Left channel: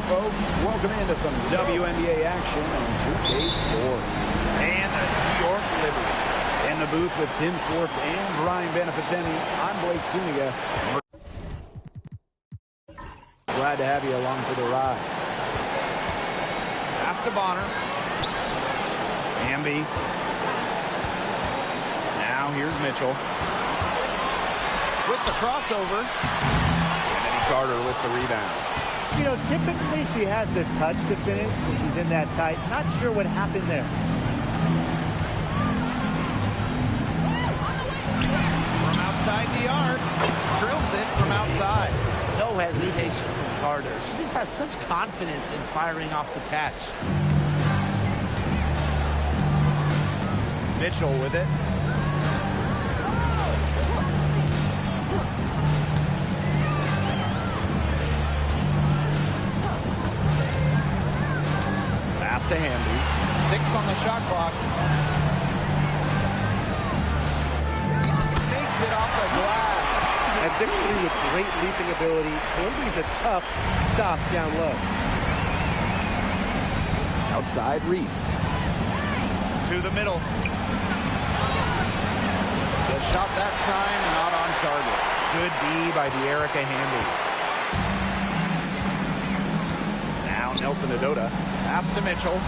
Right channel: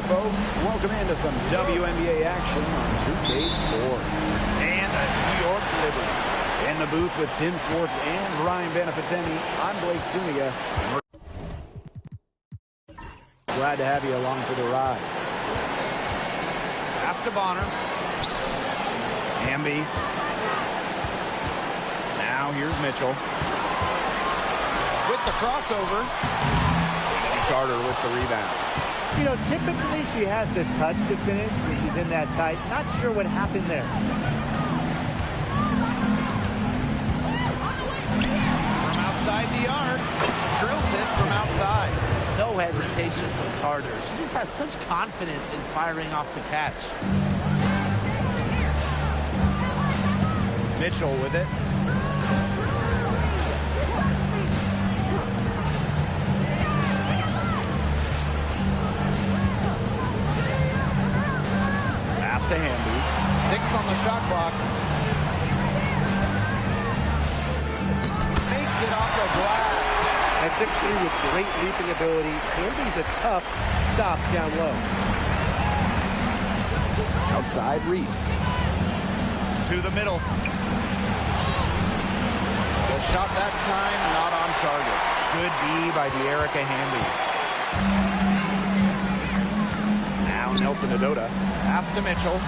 Hey folks, welcome into some WNBA action on 2K Sports. And a New York Liberty. In the booth with Tim Swartz and Ryan Benefitemi, I'm Blake Suniga. Glad to have you along for the ride. Pass to Bonner. Hamby. Now here's Mitchell. With the crossover. Kennedy Carter with the rebound. You know, typically she has the touch to finish when she's in that tight. Not sure what happened there. From outside the arc. Drills it from outside. No hesitation from Carter. She just has such confidence in firing off the catch. Mitchell with it. Pass to Hamby. 6 on the shot clock. Makes it off the glass. At 6'3" with great leaping ability, Hamby's a tough stop down low. Outside Reese. To the middle. The shot that time not on target. Good D by De'Erica Hamby. Now Nelson Adota. Pass to Mitchell.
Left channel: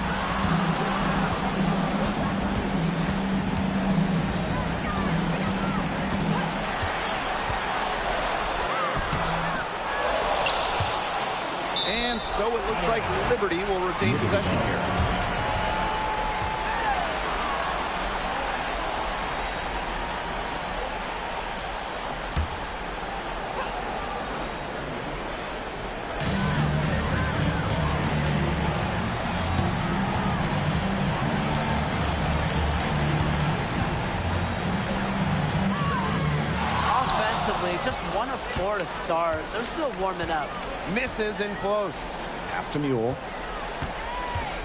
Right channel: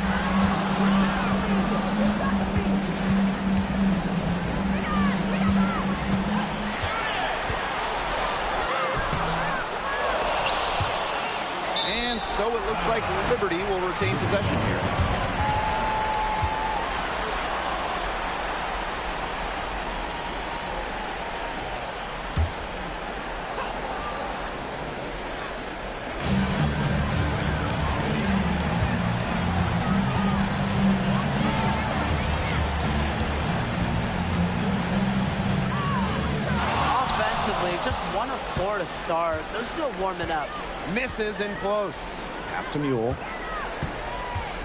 And so it looks like Liberty will retain possession here. Offensively, just 1 of 4 to start. They're still warming up. Misses in close. Pass to Mule.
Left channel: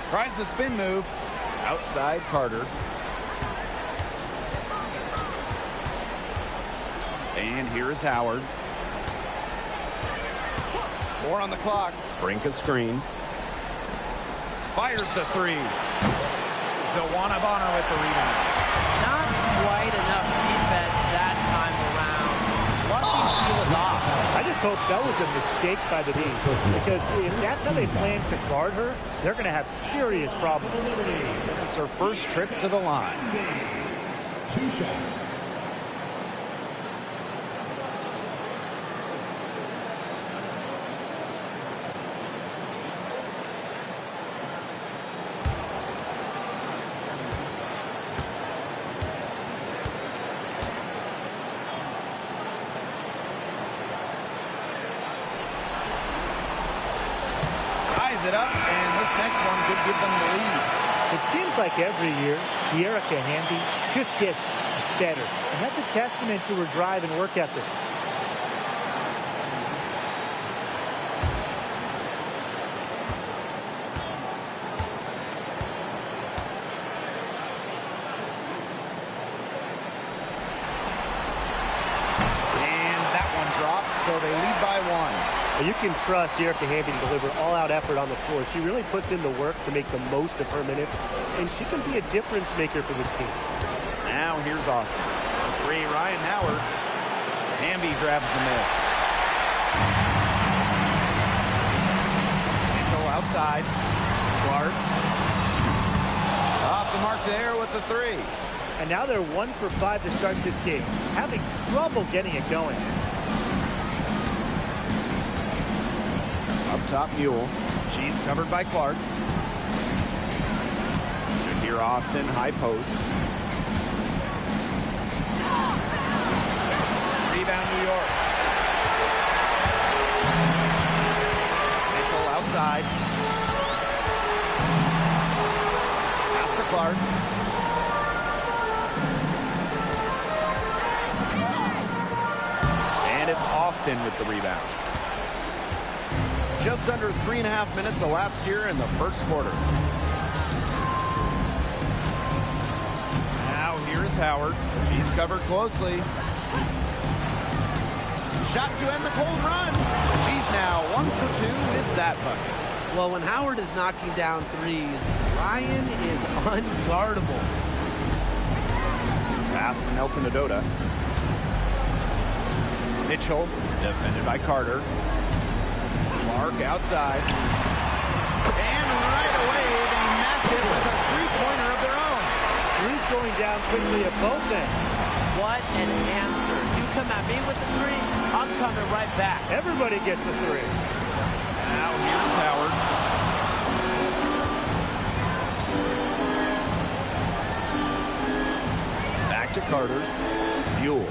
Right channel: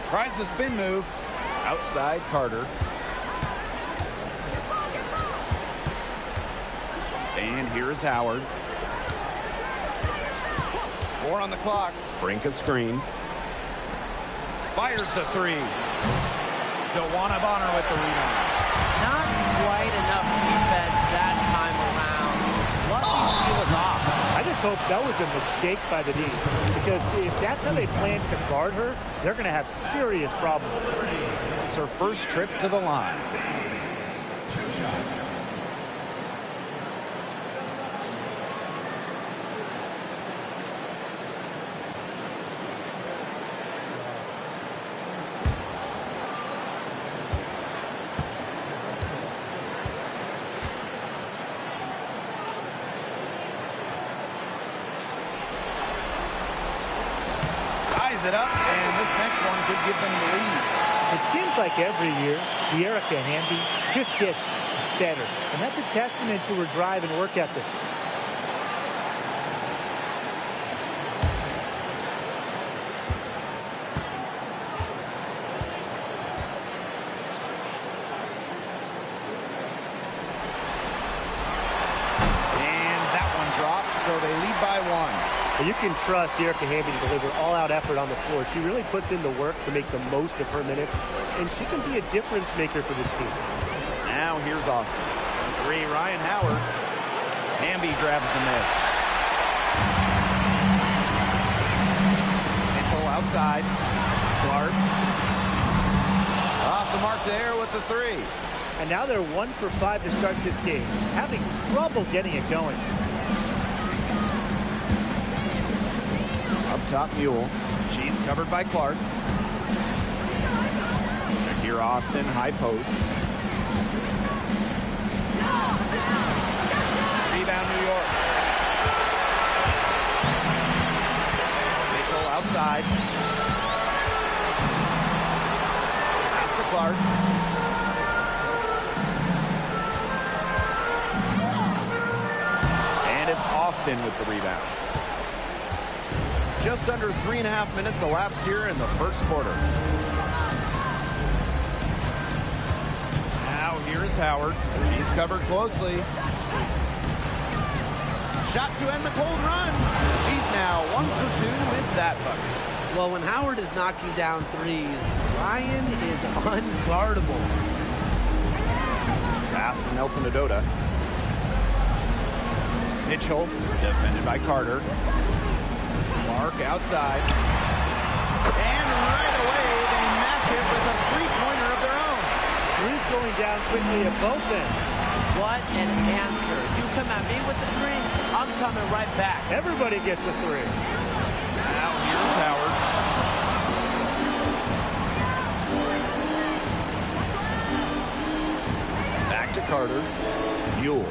Tries the spin move. Outside Carter. And here is Howard. 4 on the clock. Brink a screen. Fires the 3. DeWanna Bonner with the rebound. Not quite enough defense that time around. Lucky she was off. I just hope that was a mistake by the D, because if that's how they plan to guard her, they're going to have serious problems. It's her first trip to the line. 2 shots. Ties it up, and this next one could give them the lead. It seems like every year, De'Erica Hamby just gets better. And that's a testament to her drive and work ethic. And that one drops, so they lead by 1. You can trust De'Erica Hamby to deliver all-out effort on the floor. She really puts in the work to make the most of her minutes, and she can be a difference maker for this team. Now here's Austin. On 3, Ryan Howard. Hamby grabs the miss. Mitchell outside. Clark. Off the mark there with the 3. And now they're 1 for 5 to start this game, having trouble getting it going. Up top Mule. She's covered by Clark. Shakir Austin, high post. Rebound New York. Mitchell outside. Pass to Clark. And it's Austin with the rebound. Just under 3.5 minutes elapsed here in the first quarter. Now here is Howard. He's covered closely. Shot to end the cold run. She's now 1 for 2 with that bucket. Well, when Howard is knocking down threes, Ryan is unguardable. Pass to Nelson Adota. Mitchell, defended by Carter. Clark outside. And right away, they match it with a three-pointer of their own. Three's going down quickly at both ends. What an answer. You come at me with the three, I'm coming right back. Everybody gets a three. Now here's Howard. Back to Carter. Mule.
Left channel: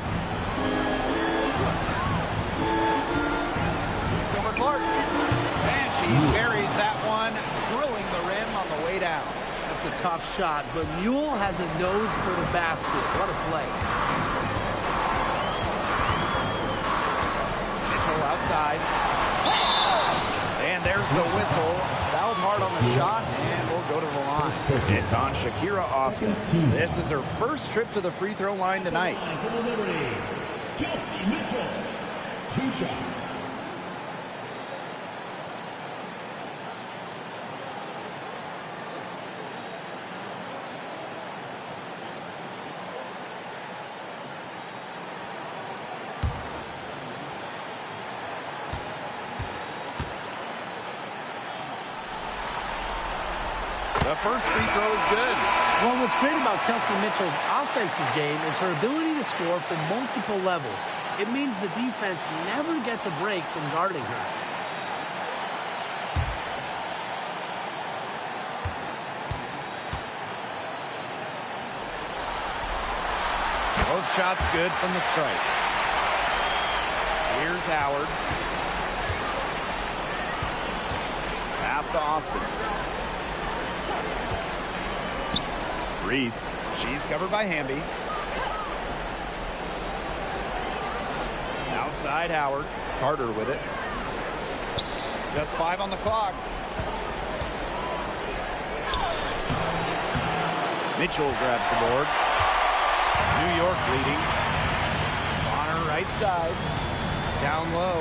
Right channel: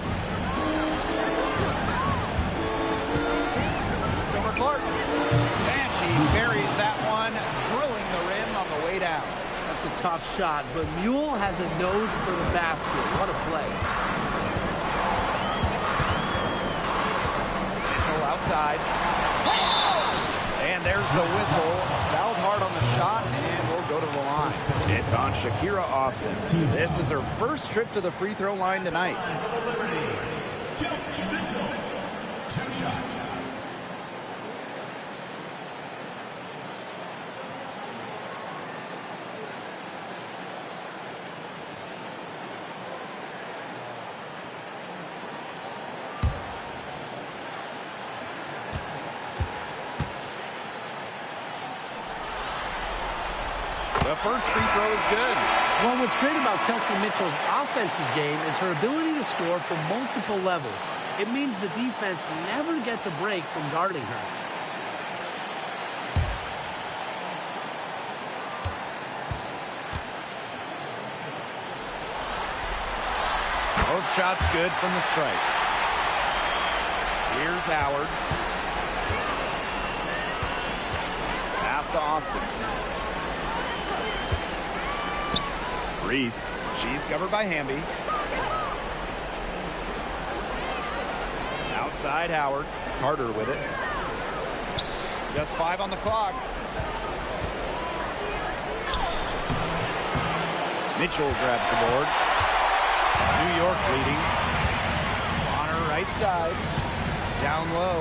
It's over Clark. And she buries that one, drilling the rim on the way down. That's a tough shot, but Mule has a nose for the basket. What a play. Mitchell outside. And there's the whistle. Fouled hard on the shot, and we'll go to the line. It's on Shakira Austin. This is her first trip to the free throw line tonight. For the Liberty, Kelsey Mitchell. 2 shots. The first free throw is good. Well, what's great about Kelsey Mitchell's offensive game is her ability to score from multiple levels. It means the defense never gets a break from guarding her. Both shots good from the stripe. Here's Howard. Pass to Austin. Reese. She's covered by Hamby. Outside Howard. Carter with it. Just 5 on the clock. Mitchell grabs the board. New York leading. Bonner right side. Down low.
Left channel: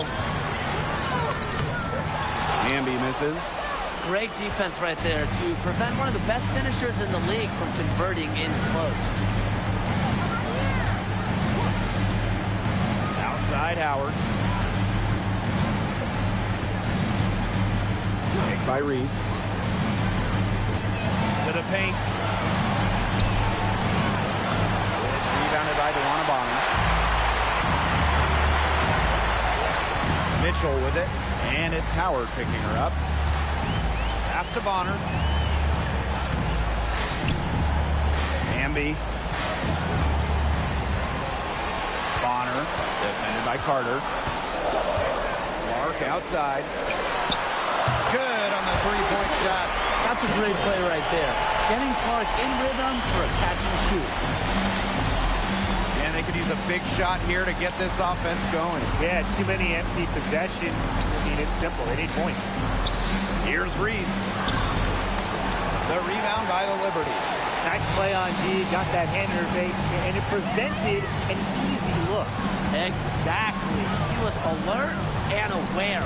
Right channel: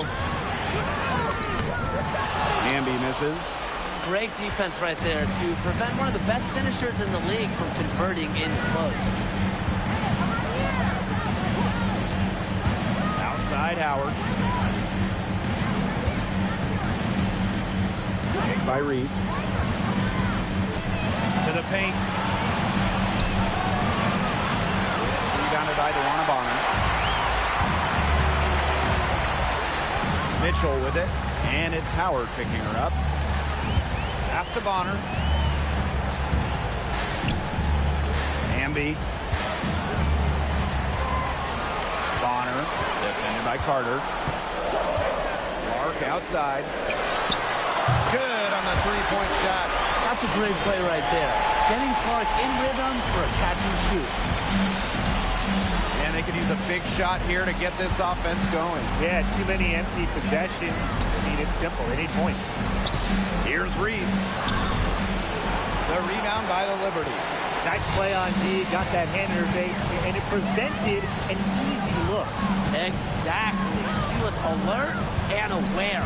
Hamby misses. Great defense right there to prevent one of the best finishers in the league from converting in close. Outside Howard. Pick by Reese. To the paint. It's rebounded by DeWanna Bonner. Mitchell with it. And it's Howard picking her up. Pass to Bonner. Hamby. Bonner, defended by Carter. Clark outside. Good on the three-point shot. That's a great play right there. Getting Clark in rhythm for a catch and shoot. And they could use a big shot here to get this offense going. Yeah, too many empty possessions. I mean, it's simple. They need points. Here's Reese. The rebound by the Liberty. Nice play on D. Got that hand in her face, and it prevented an easy look. Exactly. She was alert and aware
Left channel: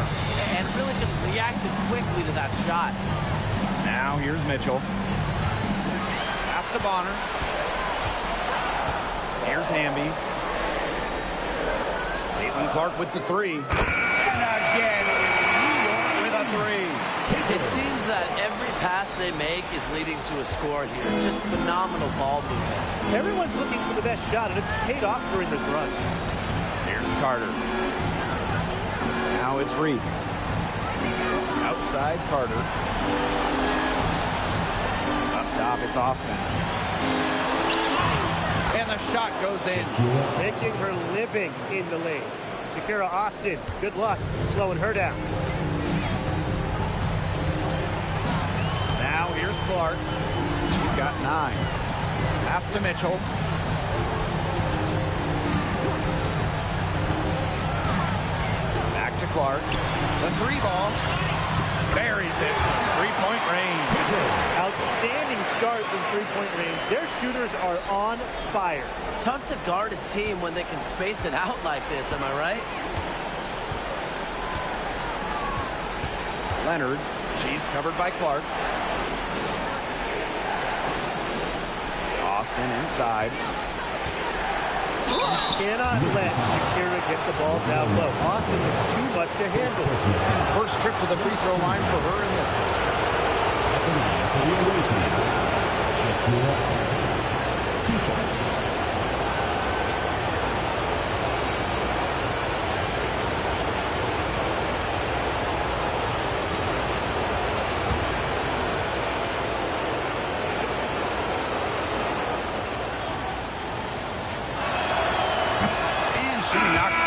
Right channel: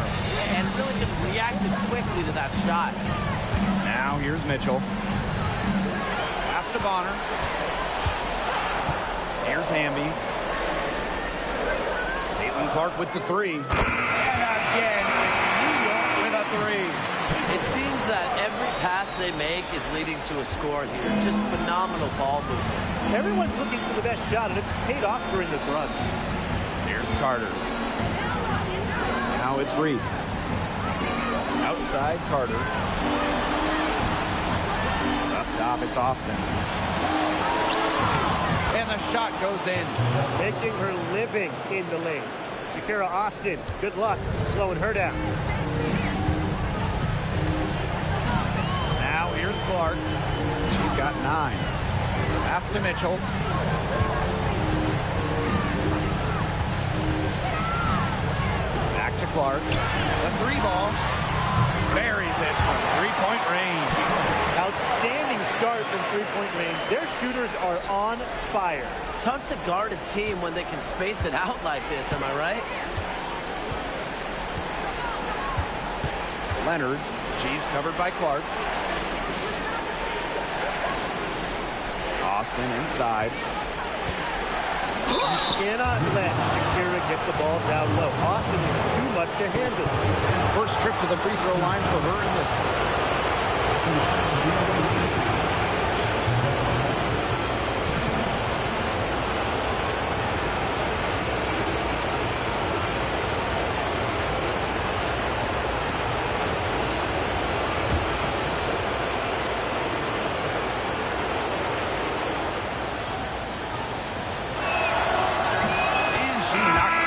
and really just reacted quickly to that shot. Now here's Mitchell. Pass to Bonner. Here's Hamby. Caitlin Clark with the three. And again, it's New York with a three. It seems that every pass they make is leading to a score here. Just phenomenal ball movement. Everyone's looking for the best shot, and it's paid off during this run. Here's Carter. Now it's Reese. Outside Carter. Up top, it's Austin. And the shot goes in. Making her living in the lane. Shakira Austin, good luck slowing her down. Now here's Clark. She's got 9. Pass to Mitchell. Back to Clark. The three ball. Buries it from three-point range. Outstanding start from three-point range. Their shooters are on fire. Tough to guard a team when they can space it out like this, am I right? Leonard. She's covered by Clark. Austin inside. You cannot let Shakira get the ball down low. Austin is too much to handle. First trip to the free throw line for her in this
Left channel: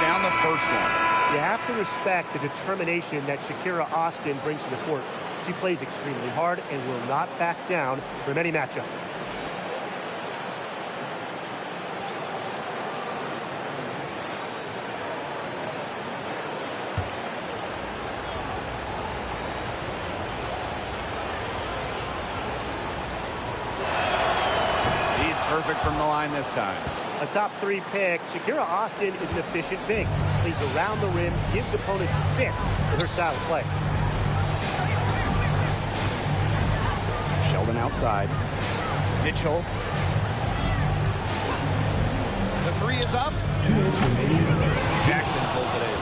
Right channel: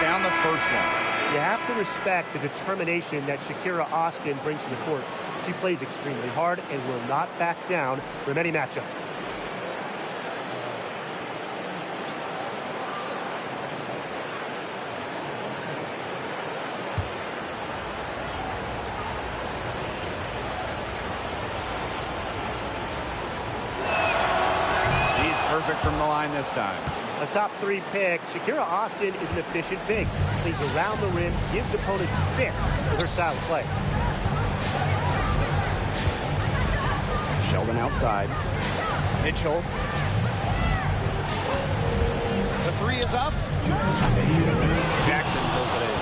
down the first one. You have to respect the determination that Shakira Austin brings to the court. She plays extremely hard and will not back down from any matchup. He's perfect from the line this time. A top 3 pick, Shakira Austin is an efficient big. Plays around the rim, gives opponents fits with her style of play. Sheldon outside. Mitchell. The 3 is up. Jackson pulls it in.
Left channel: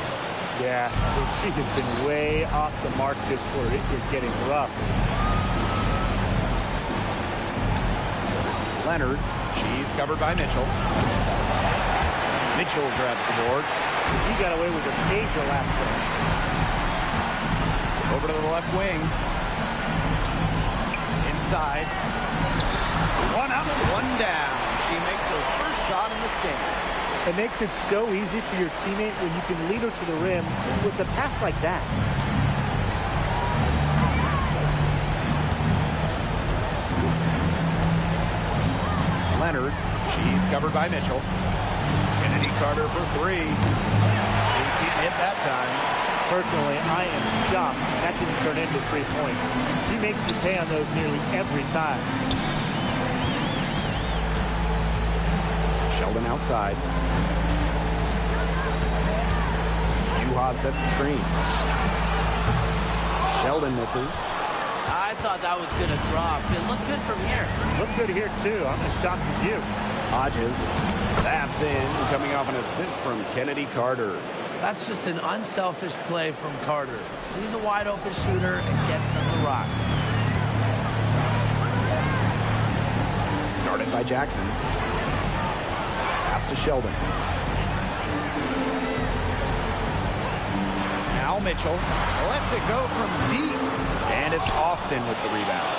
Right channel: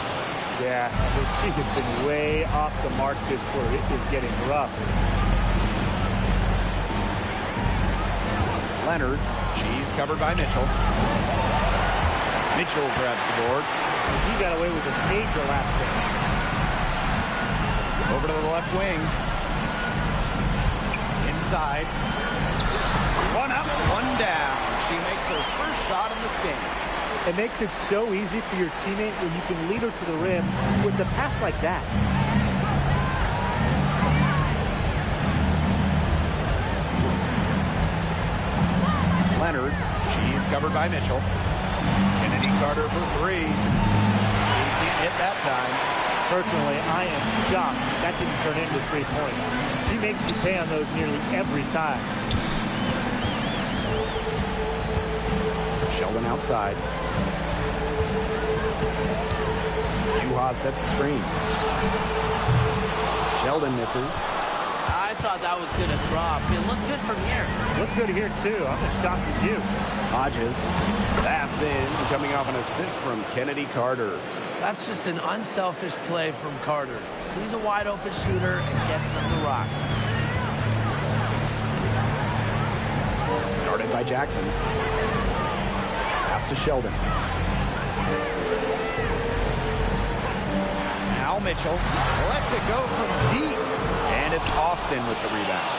Yeah, I mean, she has been way off the mark this quarter. It is getting rough. Leonard. She's covered by Mitchell. Mitchell grabs the board. He got away with a major lapse there. Over to the left wing. Inside. One up, one down. She makes her first shot in this game. It makes it so easy for your teammate when you can lead her to the rim with a pass like that. Leonard. She's covered by Mitchell. Kennedy Carter for 3. He can't hit that time. Personally, I am shocked that didn't turn into 3 points. She makes you pay on those nearly every time. Sheldon outside. Juha sets the screen. Sheldon misses. I thought that was going to drop. It looked good from here. Looked good here, too. I'm as shocked as you. Hodges. That's in, coming off an assist from Kennedy Carter. That's just an unselfish play from Carter. Sees a wide open shooter and gets them to rock. Guarded by Jackson. Pass to Sheldon. Now Mitchell lets it go from deep. And it's Austin with the rebound.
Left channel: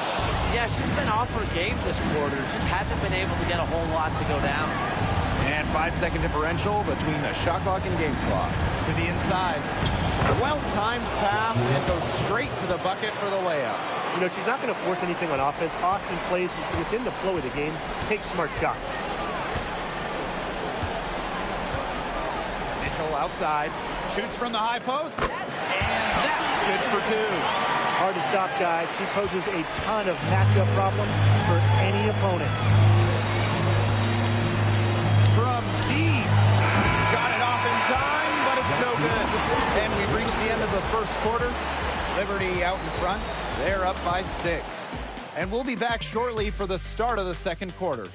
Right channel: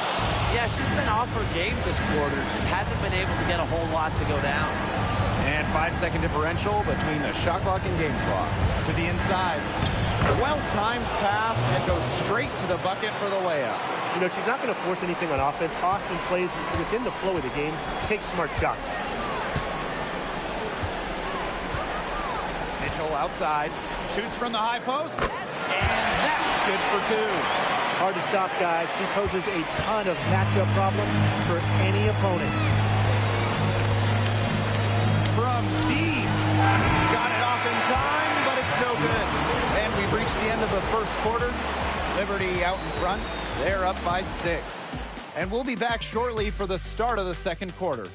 Yeah, she's been off her game this quarter. Just hasn't been able to get a whole lot to go down. And 5-second differential between the shot clock and game clock. To the inside. Well-timed pass and goes straight to the bucket for the layup. You know, she's not going to force anything on offense. Austin plays within the flow of the game, takes smart shots. Mitchell outside. Shoots from the high post. And that's good for 2. Hard to stop, guys. She poses a ton of matchup problems for any opponent. From deep. Got it off in time, but it's no good. And we've reached the end of the first quarter. Liberty out in front. They're up by 6. And we'll be back shortly for the start of the second quarter.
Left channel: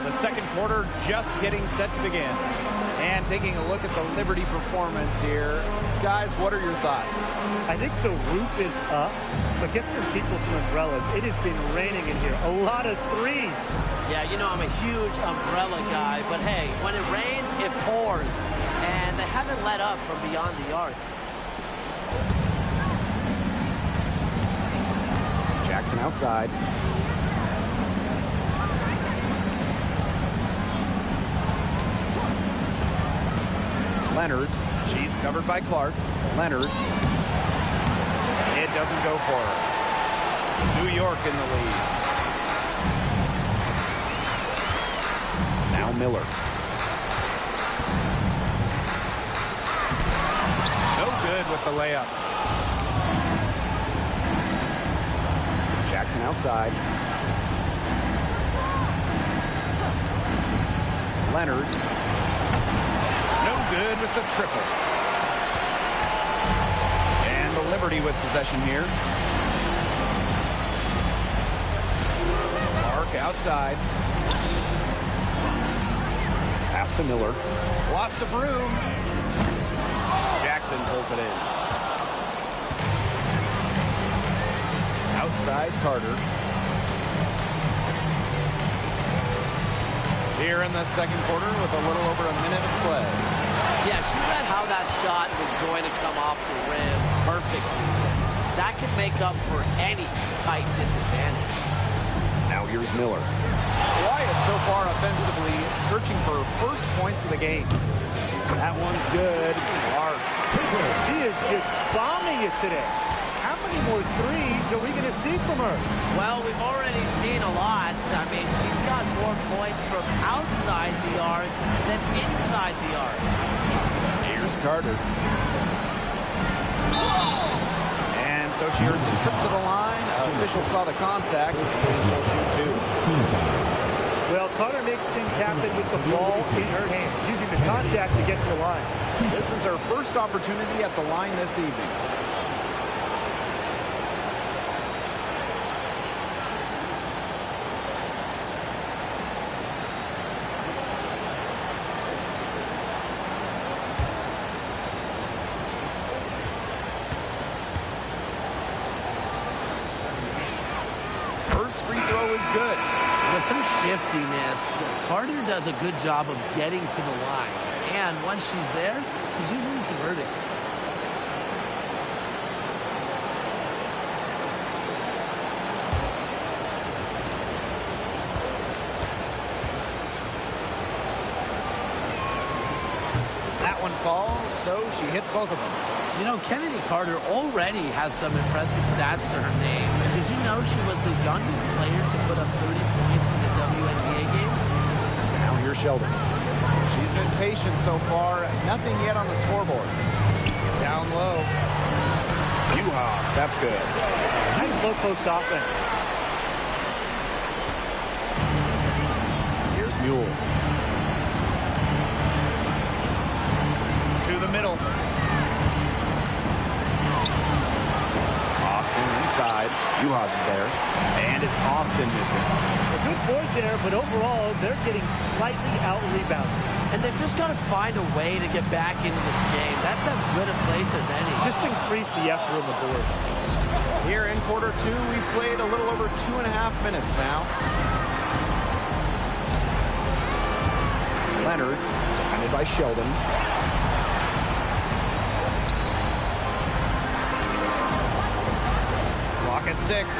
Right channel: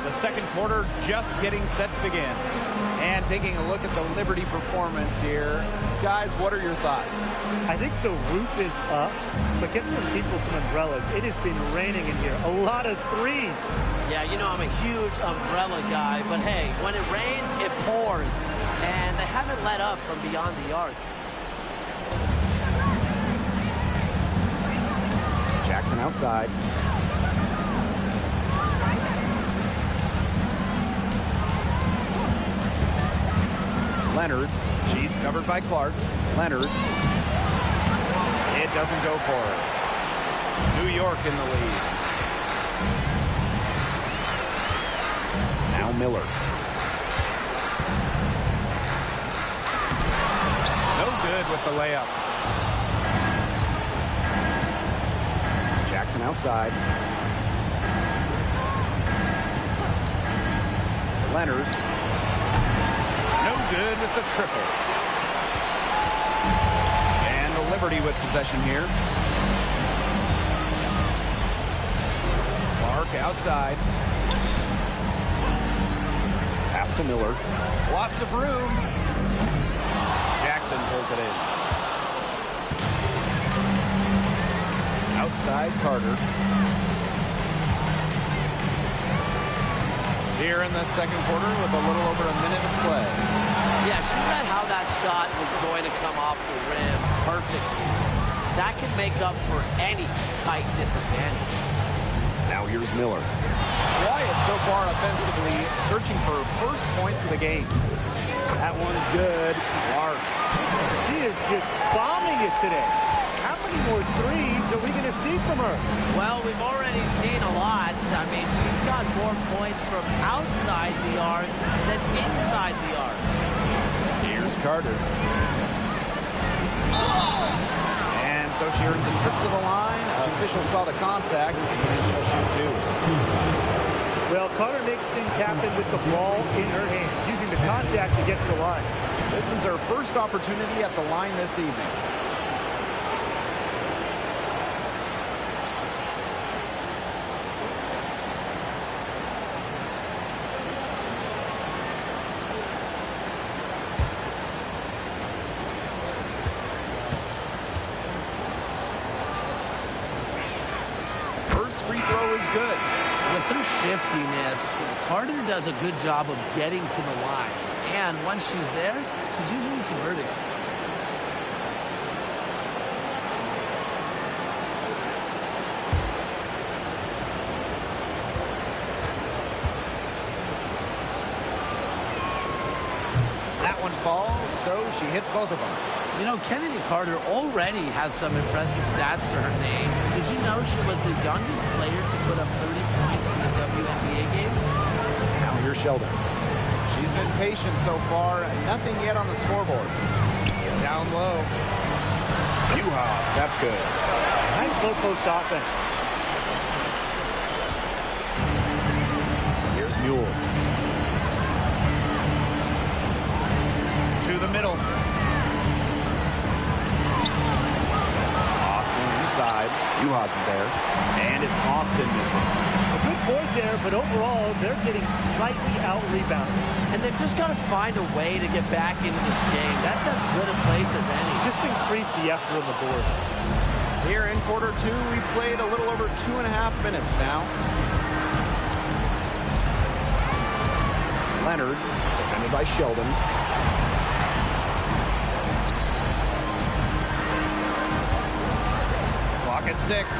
The second quarter just getting set to begin. And taking a look at the Liberty performance here. Guys, what are your thoughts? I think the roof is up, but get some people some umbrellas. It has been raining in here. A lot of threes. Yeah, you know, I'm a huge umbrella guy, but hey, when it rains, it pours. And they haven't let up from beyond the arc. Jackson outside. Leonard. She's covered by Clark. Leonard. It doesn't go for her. New York in the lead. Now Miller. good with the layup. Jackson outside. Leonard. No good with the triple. And the Liberty with possession here. Clark outside. Pass to Miller. Lots of room. Jackson pulls it in. Outside Carter. Here in the second quarter with a little over a minute of play. Yeah, she read how that shot was going to come off the rim perfectly. That can make up for any height disadvantage. Now here's Miller. Wyatt so far offensively searching for first points of the game. That one's good. Clark. She is just bombing it today. How many more threes are we going to see from her? Well, we've already seen a lot. I mean, she's got more points from outside the arc than inside the arc. Here's Carter. And so she earns a trip to the line. Official saw the contact, and she'll shoot two. Well, Carter makes things happen with the ball in her hands, using the contact to get to the line. This is her first opportunity at the line this evening. First free throw is good. With her shiftiness, Carter does a good job of getting to the line. And once she's there, she's usually converting. That one falls, so she hits both of them. You know, Kennedy Carter already has some impressive stats to her name. Did you know she was the youngest player to put up 30 points in a WNBA game? Now here's Sheldon. She's been patient so far. Nothing yet on the scoreboard. Down low. Uhas, that's good. Nice low post offense. Here's Mule. To the middle. Austin inside. Uhas is there. And it's Austin missing. A good board there, but overall, they're getting slightly out-rebounded. And they've just got to find a way to get back into this game. That's as good a place as any. Just increase the effort on the boards. Here in quarter two, we've played a little over 2.5 minutes now. Leonard, defended by Sheldon. Clock at 6.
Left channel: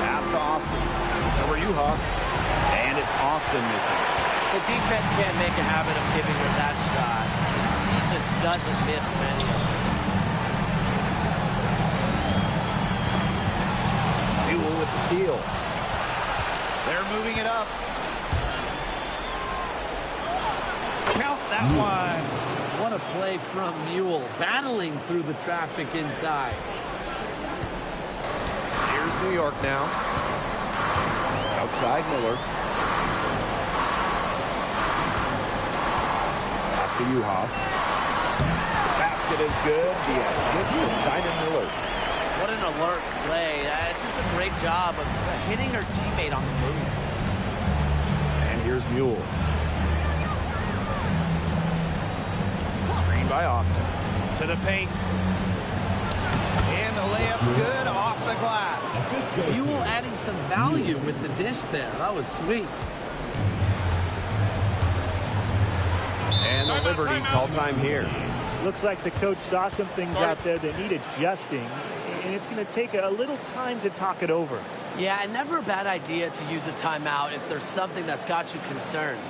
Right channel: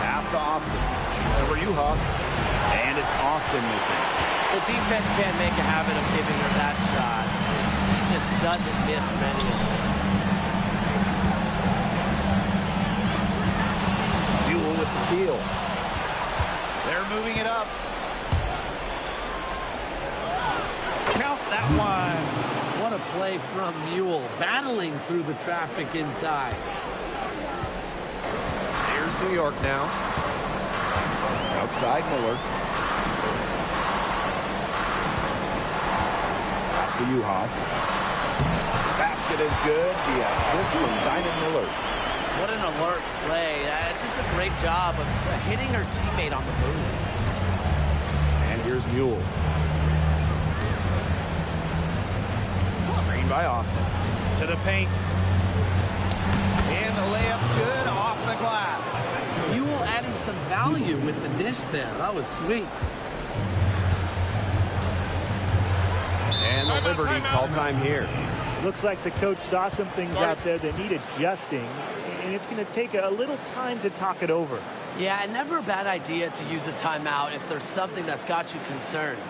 Pass to Austin. Shoots over Uhas. And it's Austin missing. The defense can't make a habit of giving her that shot. She just doesn't miss many of them. Mule with the steal. They're moving it up. Count that one. What a play from Mule, battling through the traffic inside. Here's New York now. Outside Miller. Pass to Uhas. Basket is good. The assist from Diamond Miller. What an alert play. Just a great job of hitting her teammate on the move. And here's Mule. Screen by Austin. To the paint. And the layup's good off the glass. Mule adding some value with the dish there. That was sweet. And the Liberty call time here. Looks like the coach saw some things out there that need adjusting, and it's going to take a little time to talk it over. Yeah, and never a bad idea to use a timeout if there's something that's got you concerned.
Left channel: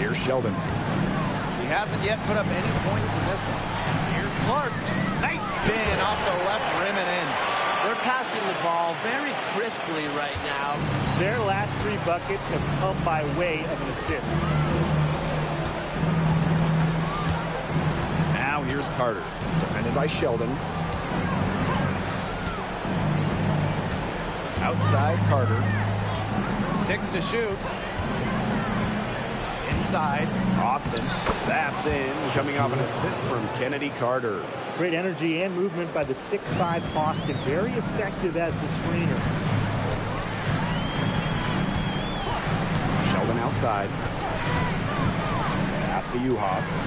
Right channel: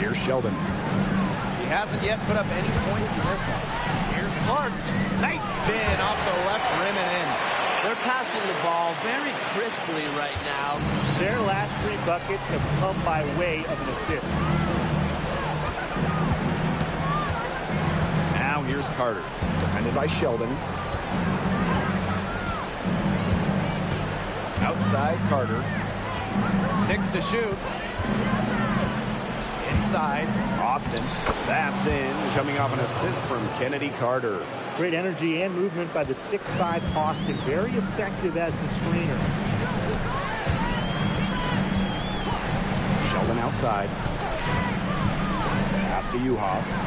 Here's Sheldon. He hasn't yet put up any points in this one. Here's Clark. Nice spin off the left rim and in. They're passing the ball very crisply right now. Their last 3 buckets have come by way of an assist. Now here's Carter. Defended by Sheldon. Outside Carter. 6 to shoot. Inside. Austin. That's in. Coming off an assist from Kennedy Carter. Great energy and movement by the 6'5" Austin. Very effective as the screener. Sheldon outside. Pass to Uhas.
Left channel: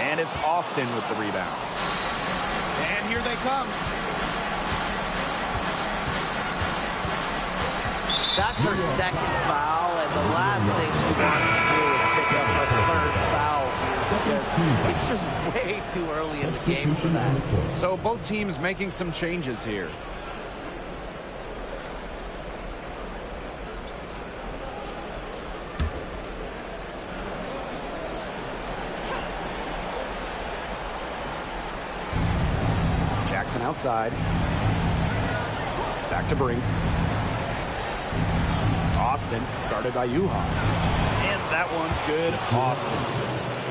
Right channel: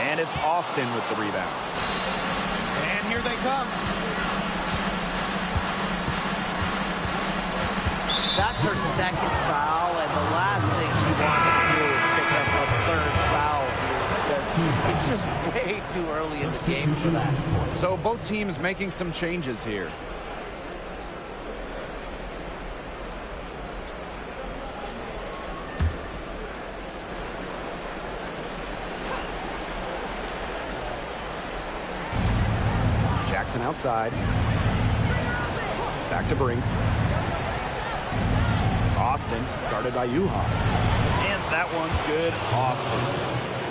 And it's Austin with the rebound. And here they come. That's her second foul, and the last thing she wants to do is pick up a 3rd foul here because it's just way too early in the game for that. So both teams making some changes here. Jackson outside. Back to Brink. Austin, guarded by Uhas. And that one's good. Austin.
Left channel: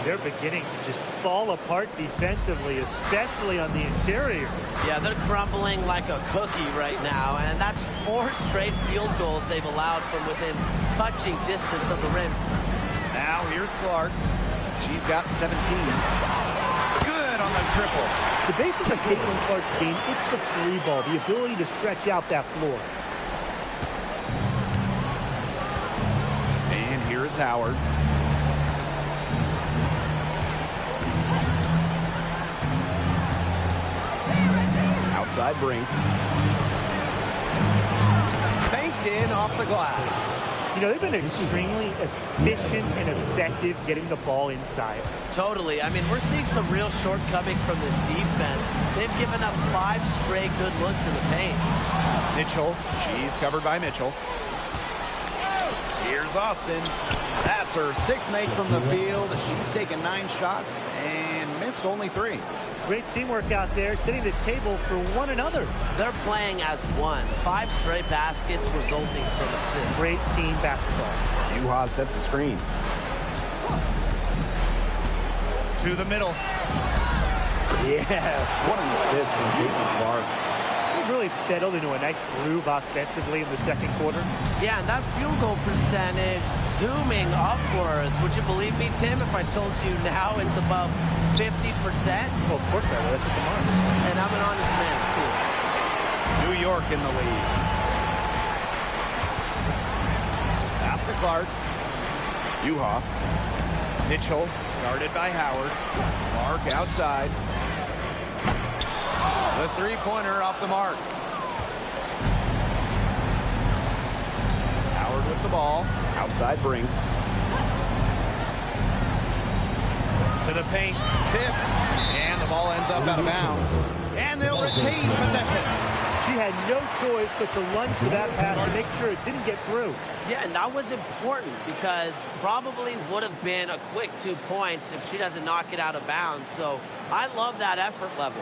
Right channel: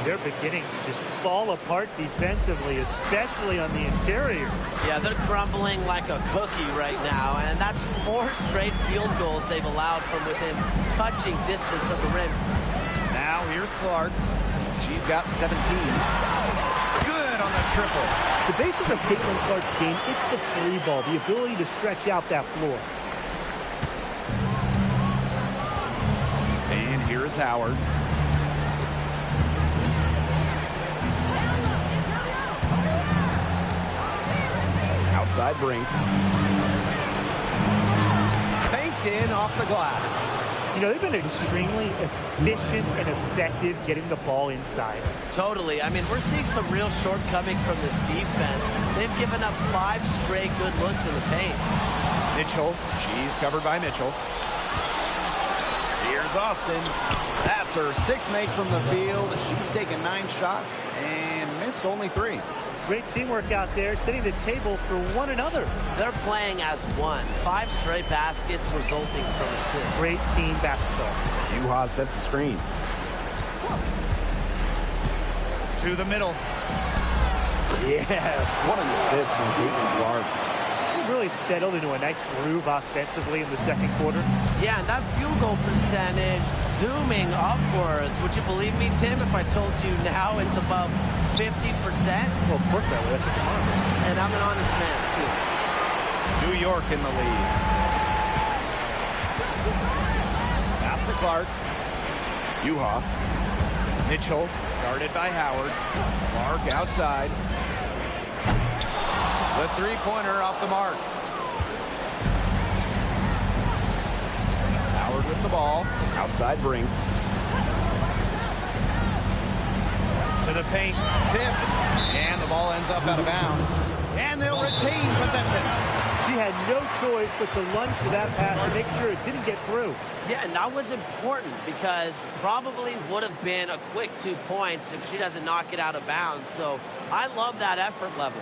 They're beginning to just fall apart defensively, especially on the interior. Yeah, they're crumbling like a cookie right now, and that's 4 straight field goals they've allowed from within touching distance of the rim. Now here's Clark. She's got 17. Good on the triple. The basis of Caitlin Clark's game, it's the free ball, the ability to stretch out that floor. And here's Howard. Outside Brink. Faked in off the glass. You know, they've been extremely efficient and effective getting the ball inside. Totally. I mean, we're seeing some real shortcomings from this defense. They've given up 5 straight good looks in the paint. Mitchell. She's covered by Mitchell. Here's Austin. That's her 6th make from the field. She's taken 9 shots and missed only 3. Great teamwork out there, setting the table for one another. They're playing as one. 5 straight baskets resulting from assists. Great team basketball. Uhas sets the screen. To the middle. Yes, what an assist from Caitlin Clark. They really settled into a nice groove offensively in the second quarter. Yeah, and that field goal percentage zooming upwards. Would you believe me, Tim, if I told you now it's above 50%? Well, of course I would. That's what the monitor says. And I'm an honest man, too. New York in the lead. Pass to Clark. Uhas. Mitchell guarded by Howard. Clark outside. The 3-pointer off the mark. Howard with the ball. Outside Brink. To the paint. Tipped. And the ball ends up out of bounds. And they'll retain possession. She had no choice but to lunge for that pass to make sure it didn't get through. Yeah, and that was important because probably would have been a quick 2 points if she doesn't knock it out of bounds. So I love that effort level.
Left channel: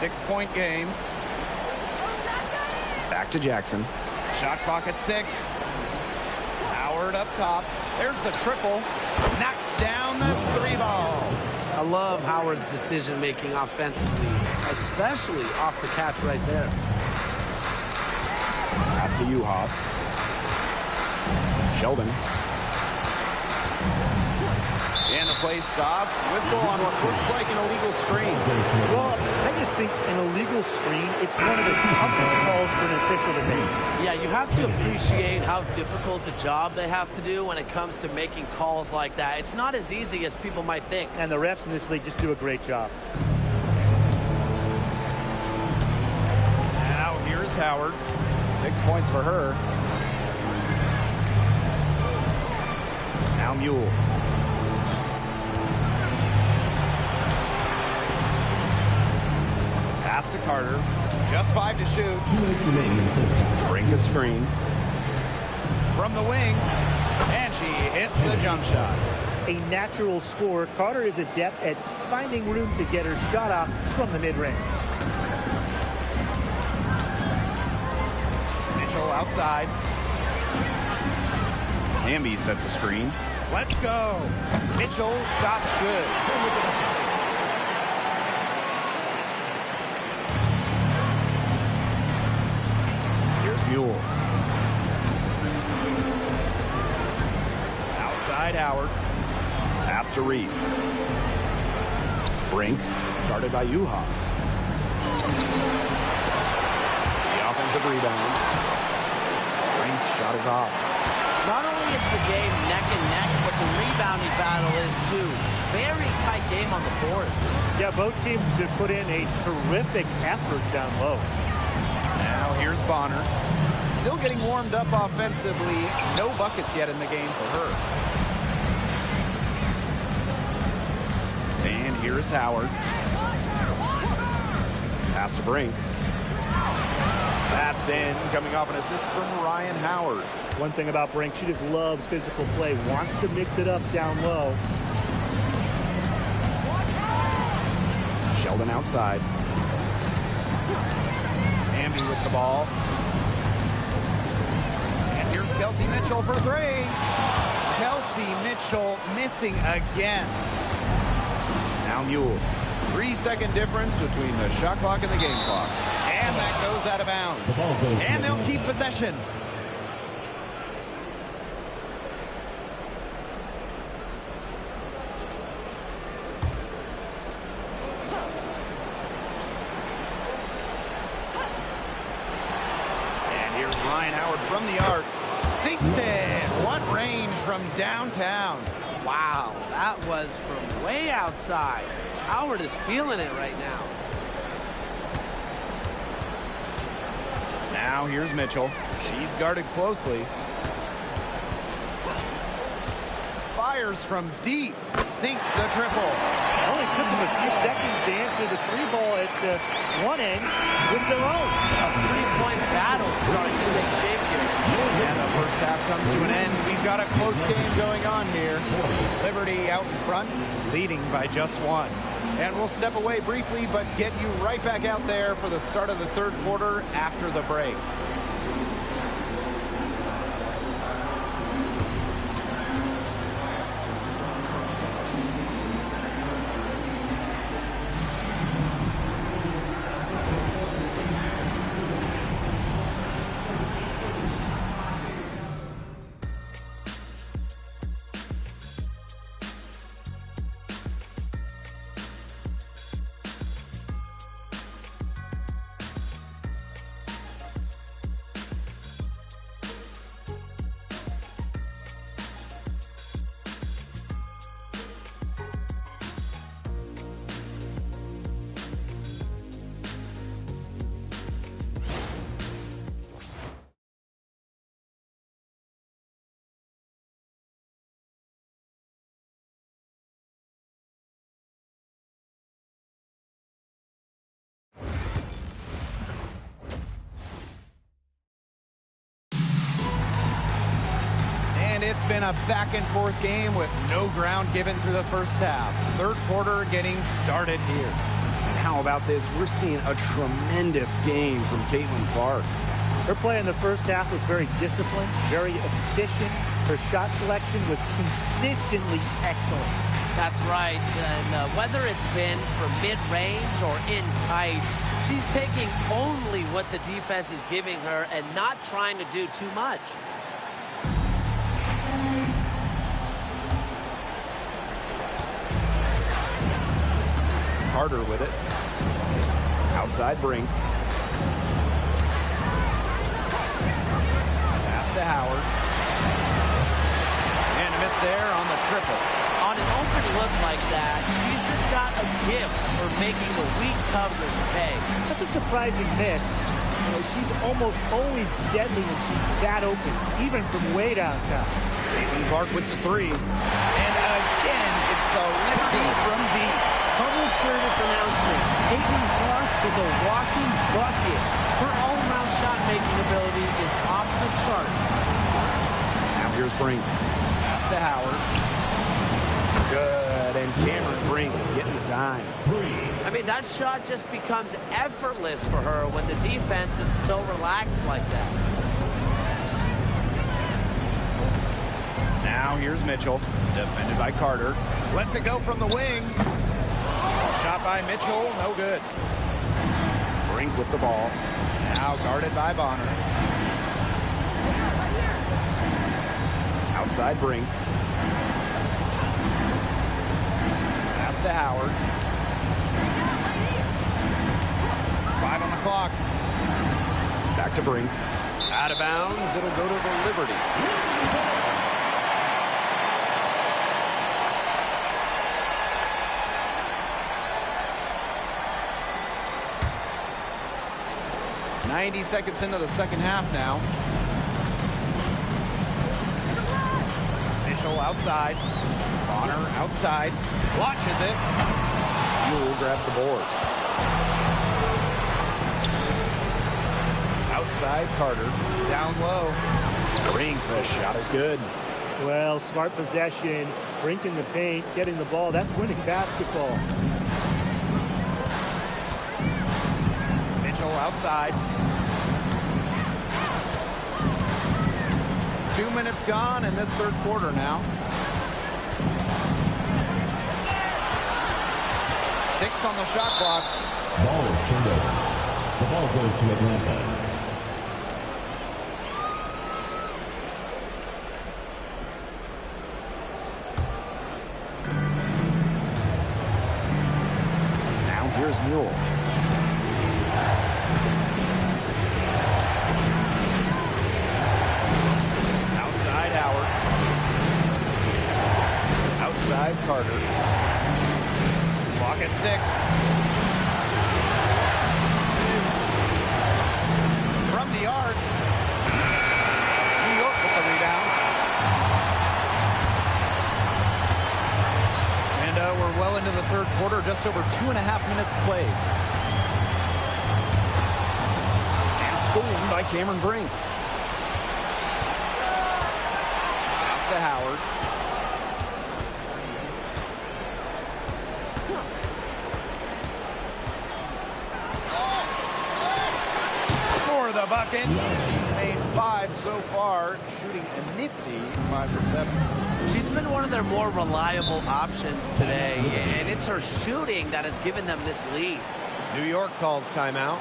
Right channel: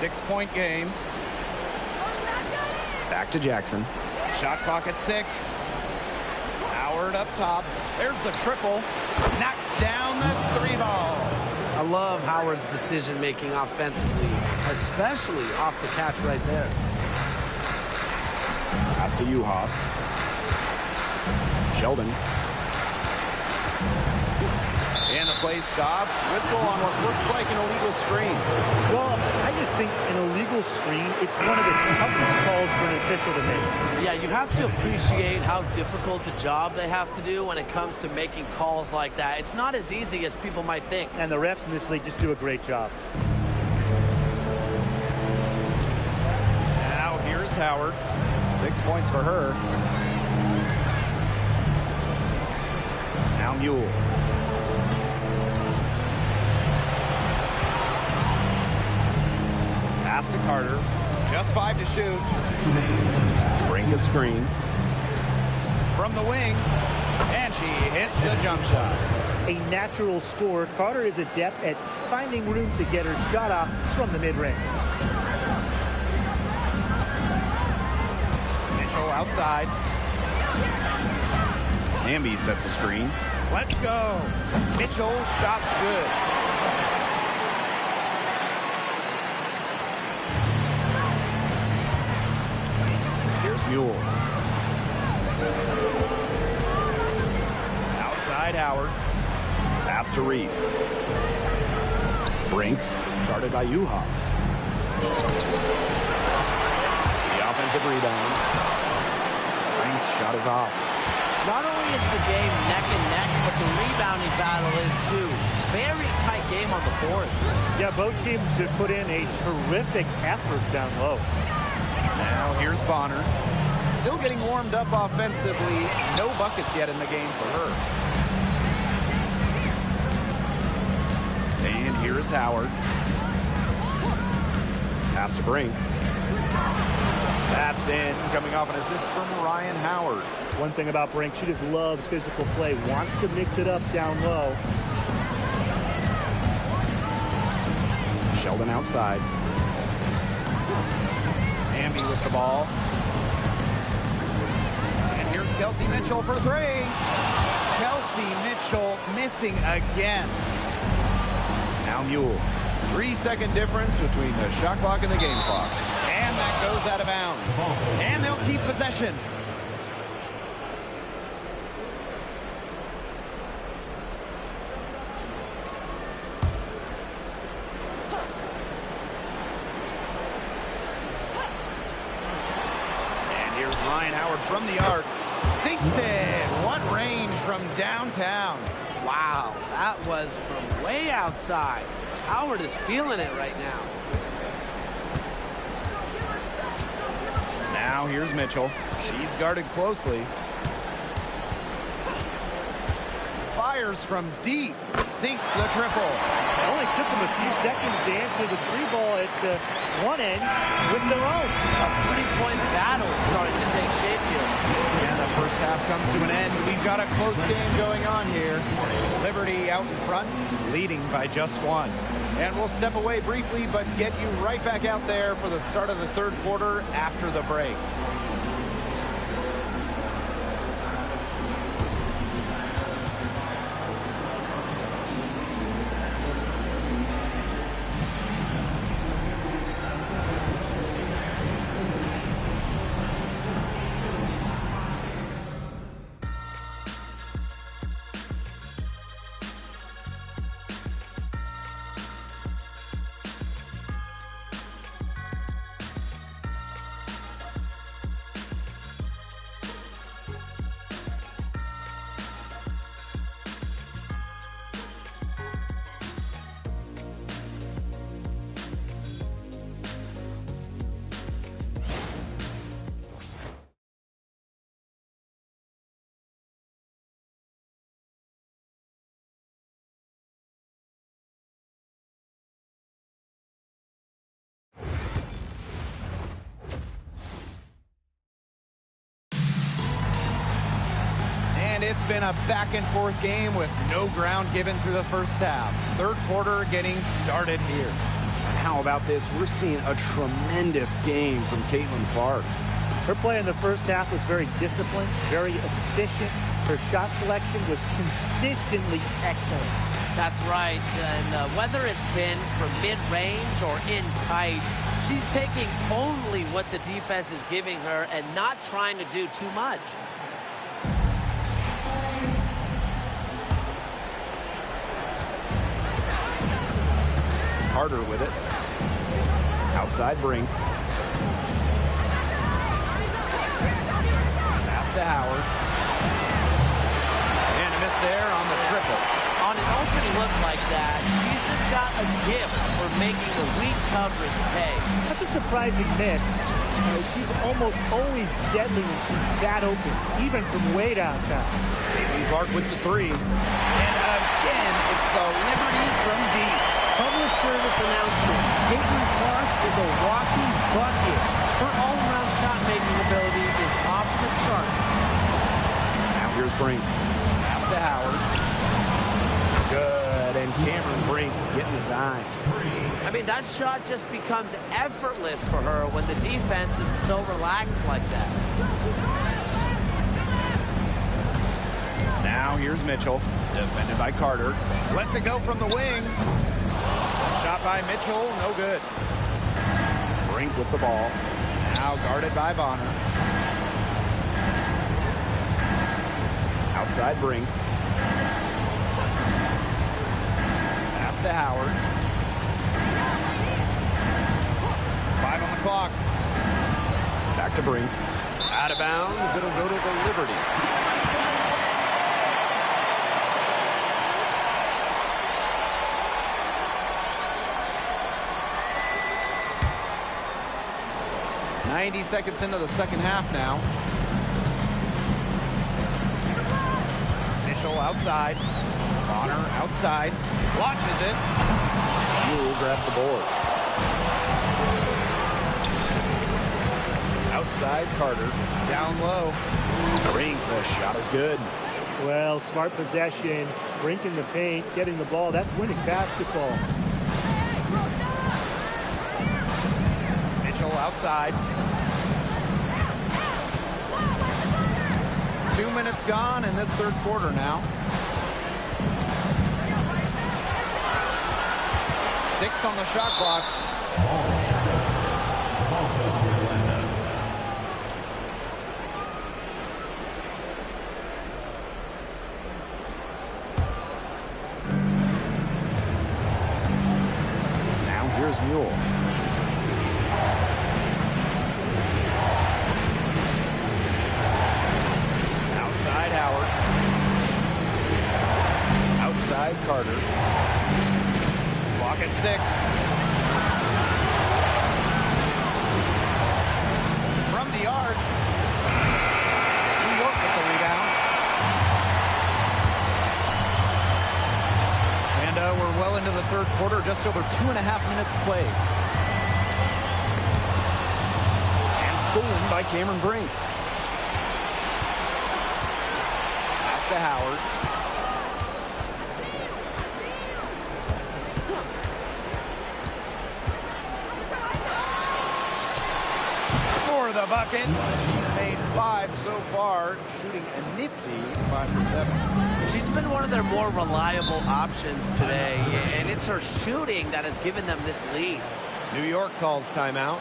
6-point game. Back to Jackson. Shot clock at 6. Howard up top. There's the triple. Knocks down the 3 ball. I love Howard's decision-making offensively, especially off the catch right there. Pass to Uhas. Sheldon. And the play stops. Whistle on what looks like an illegal screen. Well, I just think an illegal screen, it's one of the toughest calls for an official to make. Yeah, you have to appreciate how difficult a job they have to do when it comes to making calls like that. It's not as easy as people might think. And the refs in this league just do a great job. Now here's Howard. 6 points for her. Now Mule. Pass to Carter. Just 5 to shoot. Brink a screen. From the wing. And she hits the jump shot. A natural scorer, Carter is adept at finding room to get her shot off from the mid-range. Mitchell outside. Hamby sets a screen. Let's go. Mitchell, shot's good. Here's Mule. Outside Howard. Pass to Reese. Brink, guarded by Uhas. The offensive rebound. Brink's shot is off. Not only is the game neck and neck, but the rebounding battle is too. Very tight game on the boards. Yeah, both teams have put in a terrific effort down low. Now here's Bonner. Still getting warmed up offensively. No buckets yet in the game for her. And here's Howard. Pass to Brink. That's in. Coming off an assist from Ryan Howard. One thing about Brink, she just loves physical play, wants to mix it up down low. Sheldon outside. Hamby with the ball. And here's Kelsey Mitchell for 3. Kelsey Mitchell missing again. Now Mule. 3-second difference between the shot clock and the game clock. And that goes out of bounds. And they'll keep possession. And here's Ryan Howard from the arc. Sinks it. What range from downtown. Wow, that was from way outside. Howard is feeling it right now. Now here's Mitchell. She's guarded closely. Fires from deep. Sinks the triple. It only took them a few seconds to answer the 3 ball at one end with their own. A 3-point battle starting to take shape here. And the first half comes to an end. We've got a close game going on here. Liberty out in front, leading by just 1. And we'll step away briefly, but get you right back out there for the start of the third quarter after the break. And it's been a back and forth game with no ground given through the first half. Third quarter getting started here. And how about this? We're seeing a tremendous game from Caitlin Clark. Her play in the first half was very disciplined, very efficient. Her shot selection was consistently excellent. That's right. And whether it's been from mid-range or in tight, she's taking only what the defense is giving her and not trying to do too much. Carter with it. Outside Brink. Pass to Howard. And a miss there on the triple. On an opening look like that, she's just got a gift for making the weak coverage pay. That's a surprising miss. She's almost always deadly when she's that open, even from way downtown. Caitlin Clark with the three. And again, it's the Liberty from deep. Public service announcement. Caitlin Clark is a walking bucket. Her all-around shot-making ability is off the charts. Now here's Brink. Pass to Howard. Good. And Cameron Brink getting the dime. I mean, that shot just becomes effortless for her when the defense is so relaxed like that. Now here's Mitchell. Defended by Carter. Lets it go from the wing. Shot by Mitchell, no good. Brink with the ball. Now guarded by Bonner. Outside Brink. Pass to Howard. 5 on the clock. Back to Brink. Out of bounds, it'll go to the Liberty. .90 seconds into the second half now. Mitchell outside. Bonner outside. Launches it. Buell grabs the board. Outside Carter. Down low. Brink, the shot is good. Well, smart possession, Brink in the paint, getting the ball. That's winning basketball. Mitchell outside. 2 minutes gone in this third quarter now. 6 on the shot clock. Ball is turned over. The ball goes to Atlanta. Now here's Mule. Outside Howard. Outside Carter. Clock at 6. From the arc. New York with the rebound. And we're well into the third quarter, just over 2.5 minutes played. And stolen by Cameron Brink. Pass to Howard. For the bucket. She's made 5 so far, shooting a nifty 5 for 7. She's been one of their more reliable options today, and it's her shooting that has given them this lead. New York calls timeout.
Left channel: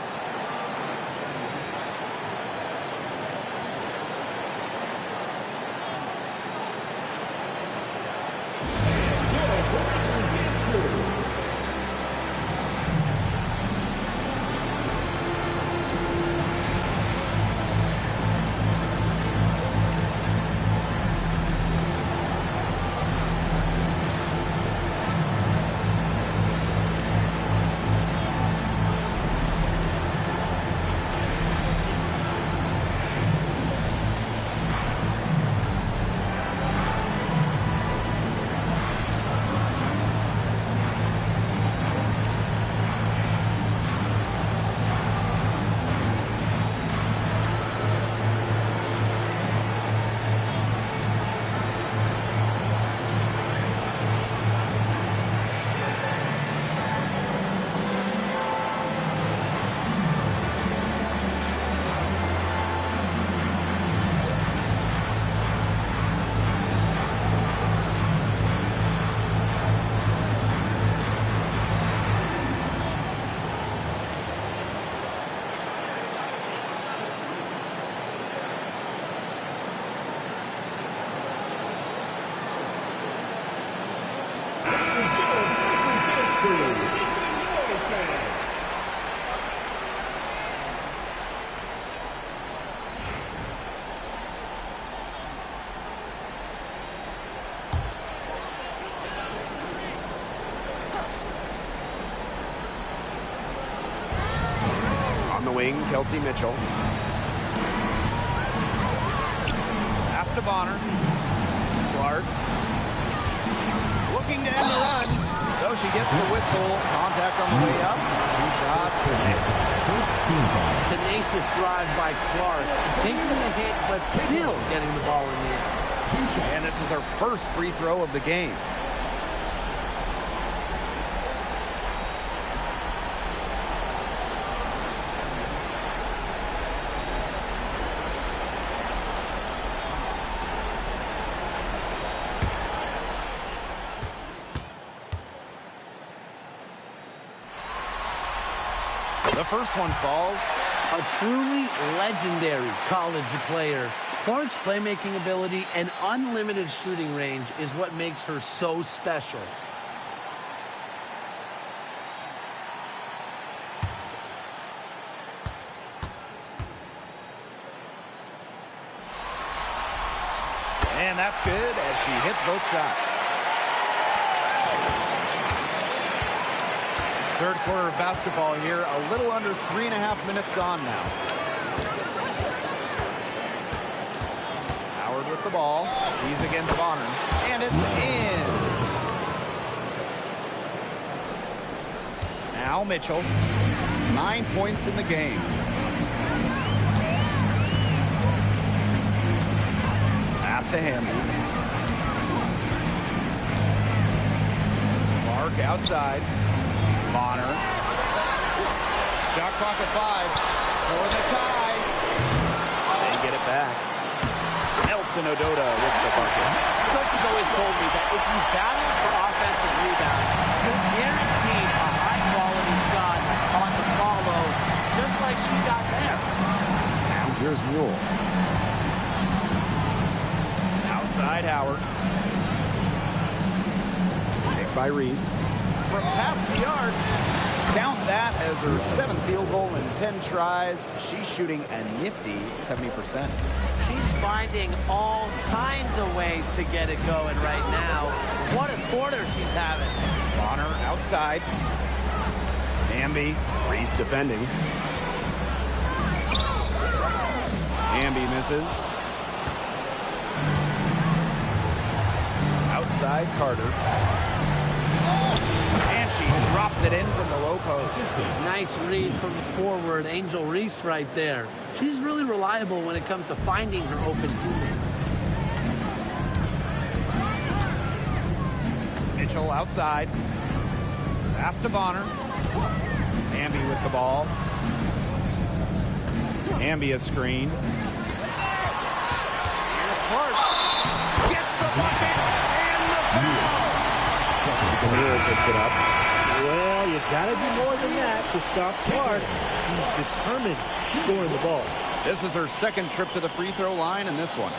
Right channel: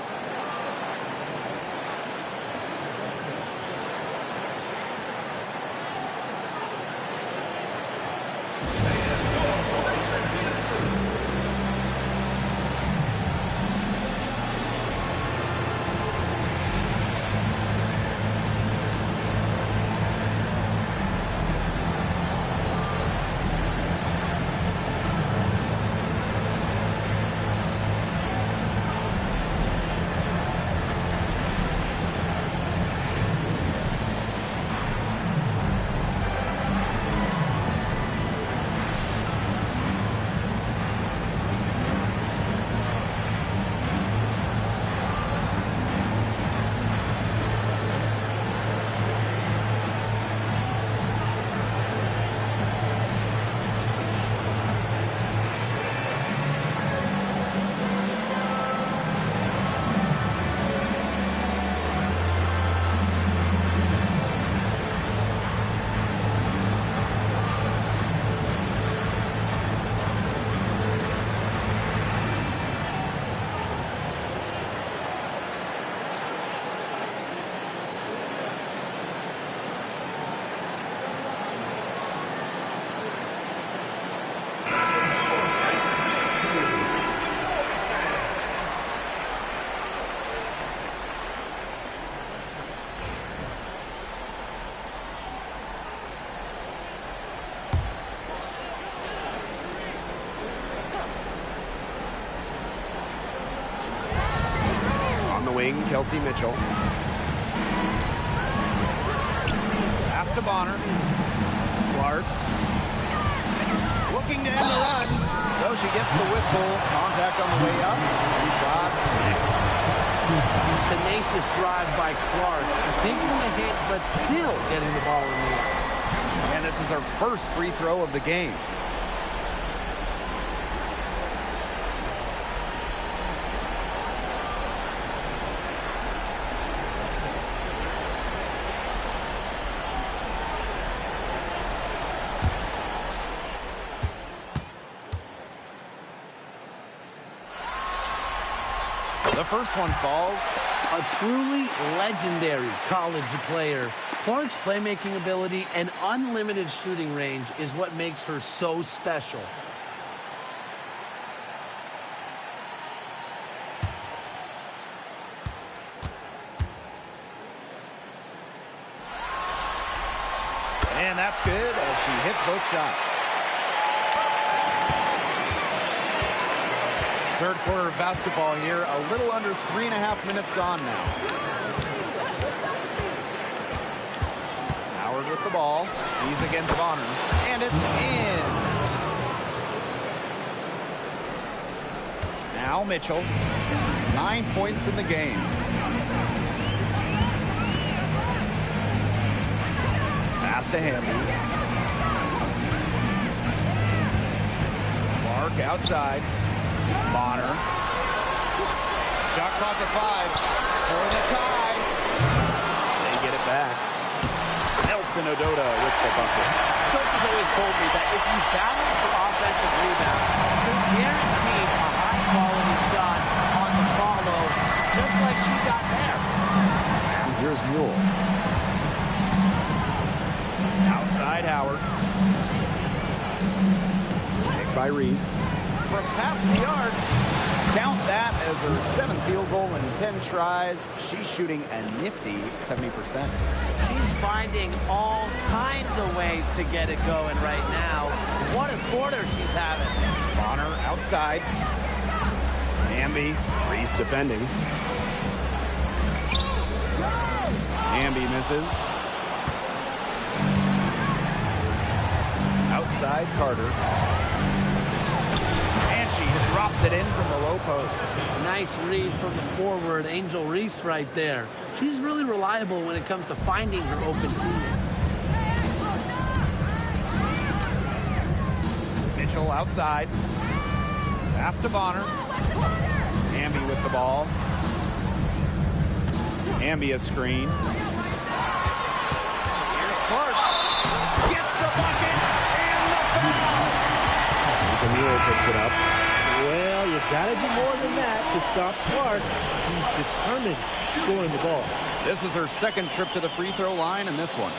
the wing, Kelsey Mitchell. Pass to Bonner. Clark. Looking to end the run. So she gets the whistle. Contact on the way up. 2 shots. Tenacious drive by Clark. Taking the hit, but still getting the ball in the air. And this is her first free throw of the game. The first one falls. A truly legendary college player. Clark's playmaking ability and unlimited shooting range is what makes her so special. And that's good as she hits both shots. Third quarter of basketball here. A little under 3.5 minutes gone now. Howard with the ball. He's against Bonner. And it's in. Now Mitchell. 9 points in the game. Pass to Hamby. Clark outside. Bonner. Shot clock at 5 for the tie. They get it back. Nelson Ododa with the bucket. Coach has always told me that if you battle for offensive rebounds, you're guaranteed a high-quality shot on the follow, just like she got there. Now here's Mule. Outside Howard. Picked by Reese. From past the arc. Count that as her 7th field goal in 10 tries. She's shooting a nifty 70%. She's finding all kinds of ways to get it going right now. What a quarter she's having. Bonner outside. Hamby. Reese defending. Hamby misses. Outside Carter. And she drops it in from the low post. Nice read from the forward, Angel Reese right there. She's really reliable when it comes to finding her open teammates. Mitchell outside. Pass to Bonner. Hamby with the ball. Hamby a screen. Here's Clark. Gets the bucket and the foul. Camille picks it up. Well, you got to do more than that to stop Clark. He's determined scoring the ball. This is her 2nd trip to the free throw line in this one.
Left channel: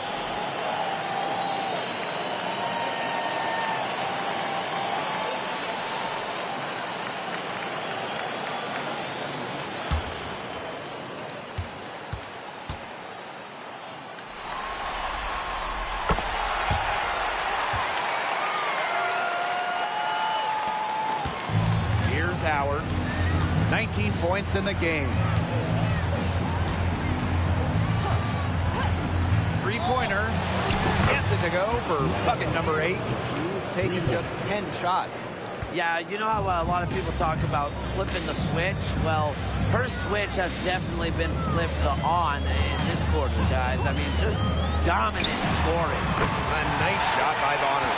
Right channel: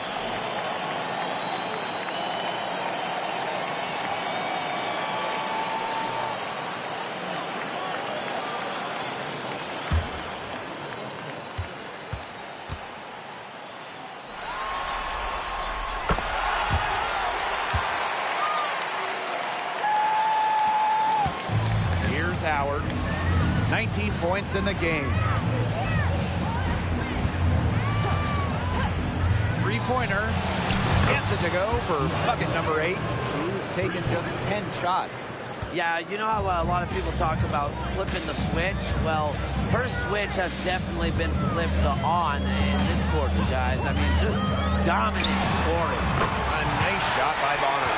Here's Howard. 19 points in the game. Three-pointer. Gets it to go for bucket number 8. She's taken just 10 shots. Yeah, you know how a lot of people talk about flipping the switch? Well, her switch has definitely been flipped to on in this quarter, guys. I mean, just dominant scoring. A nice shot by Bonner.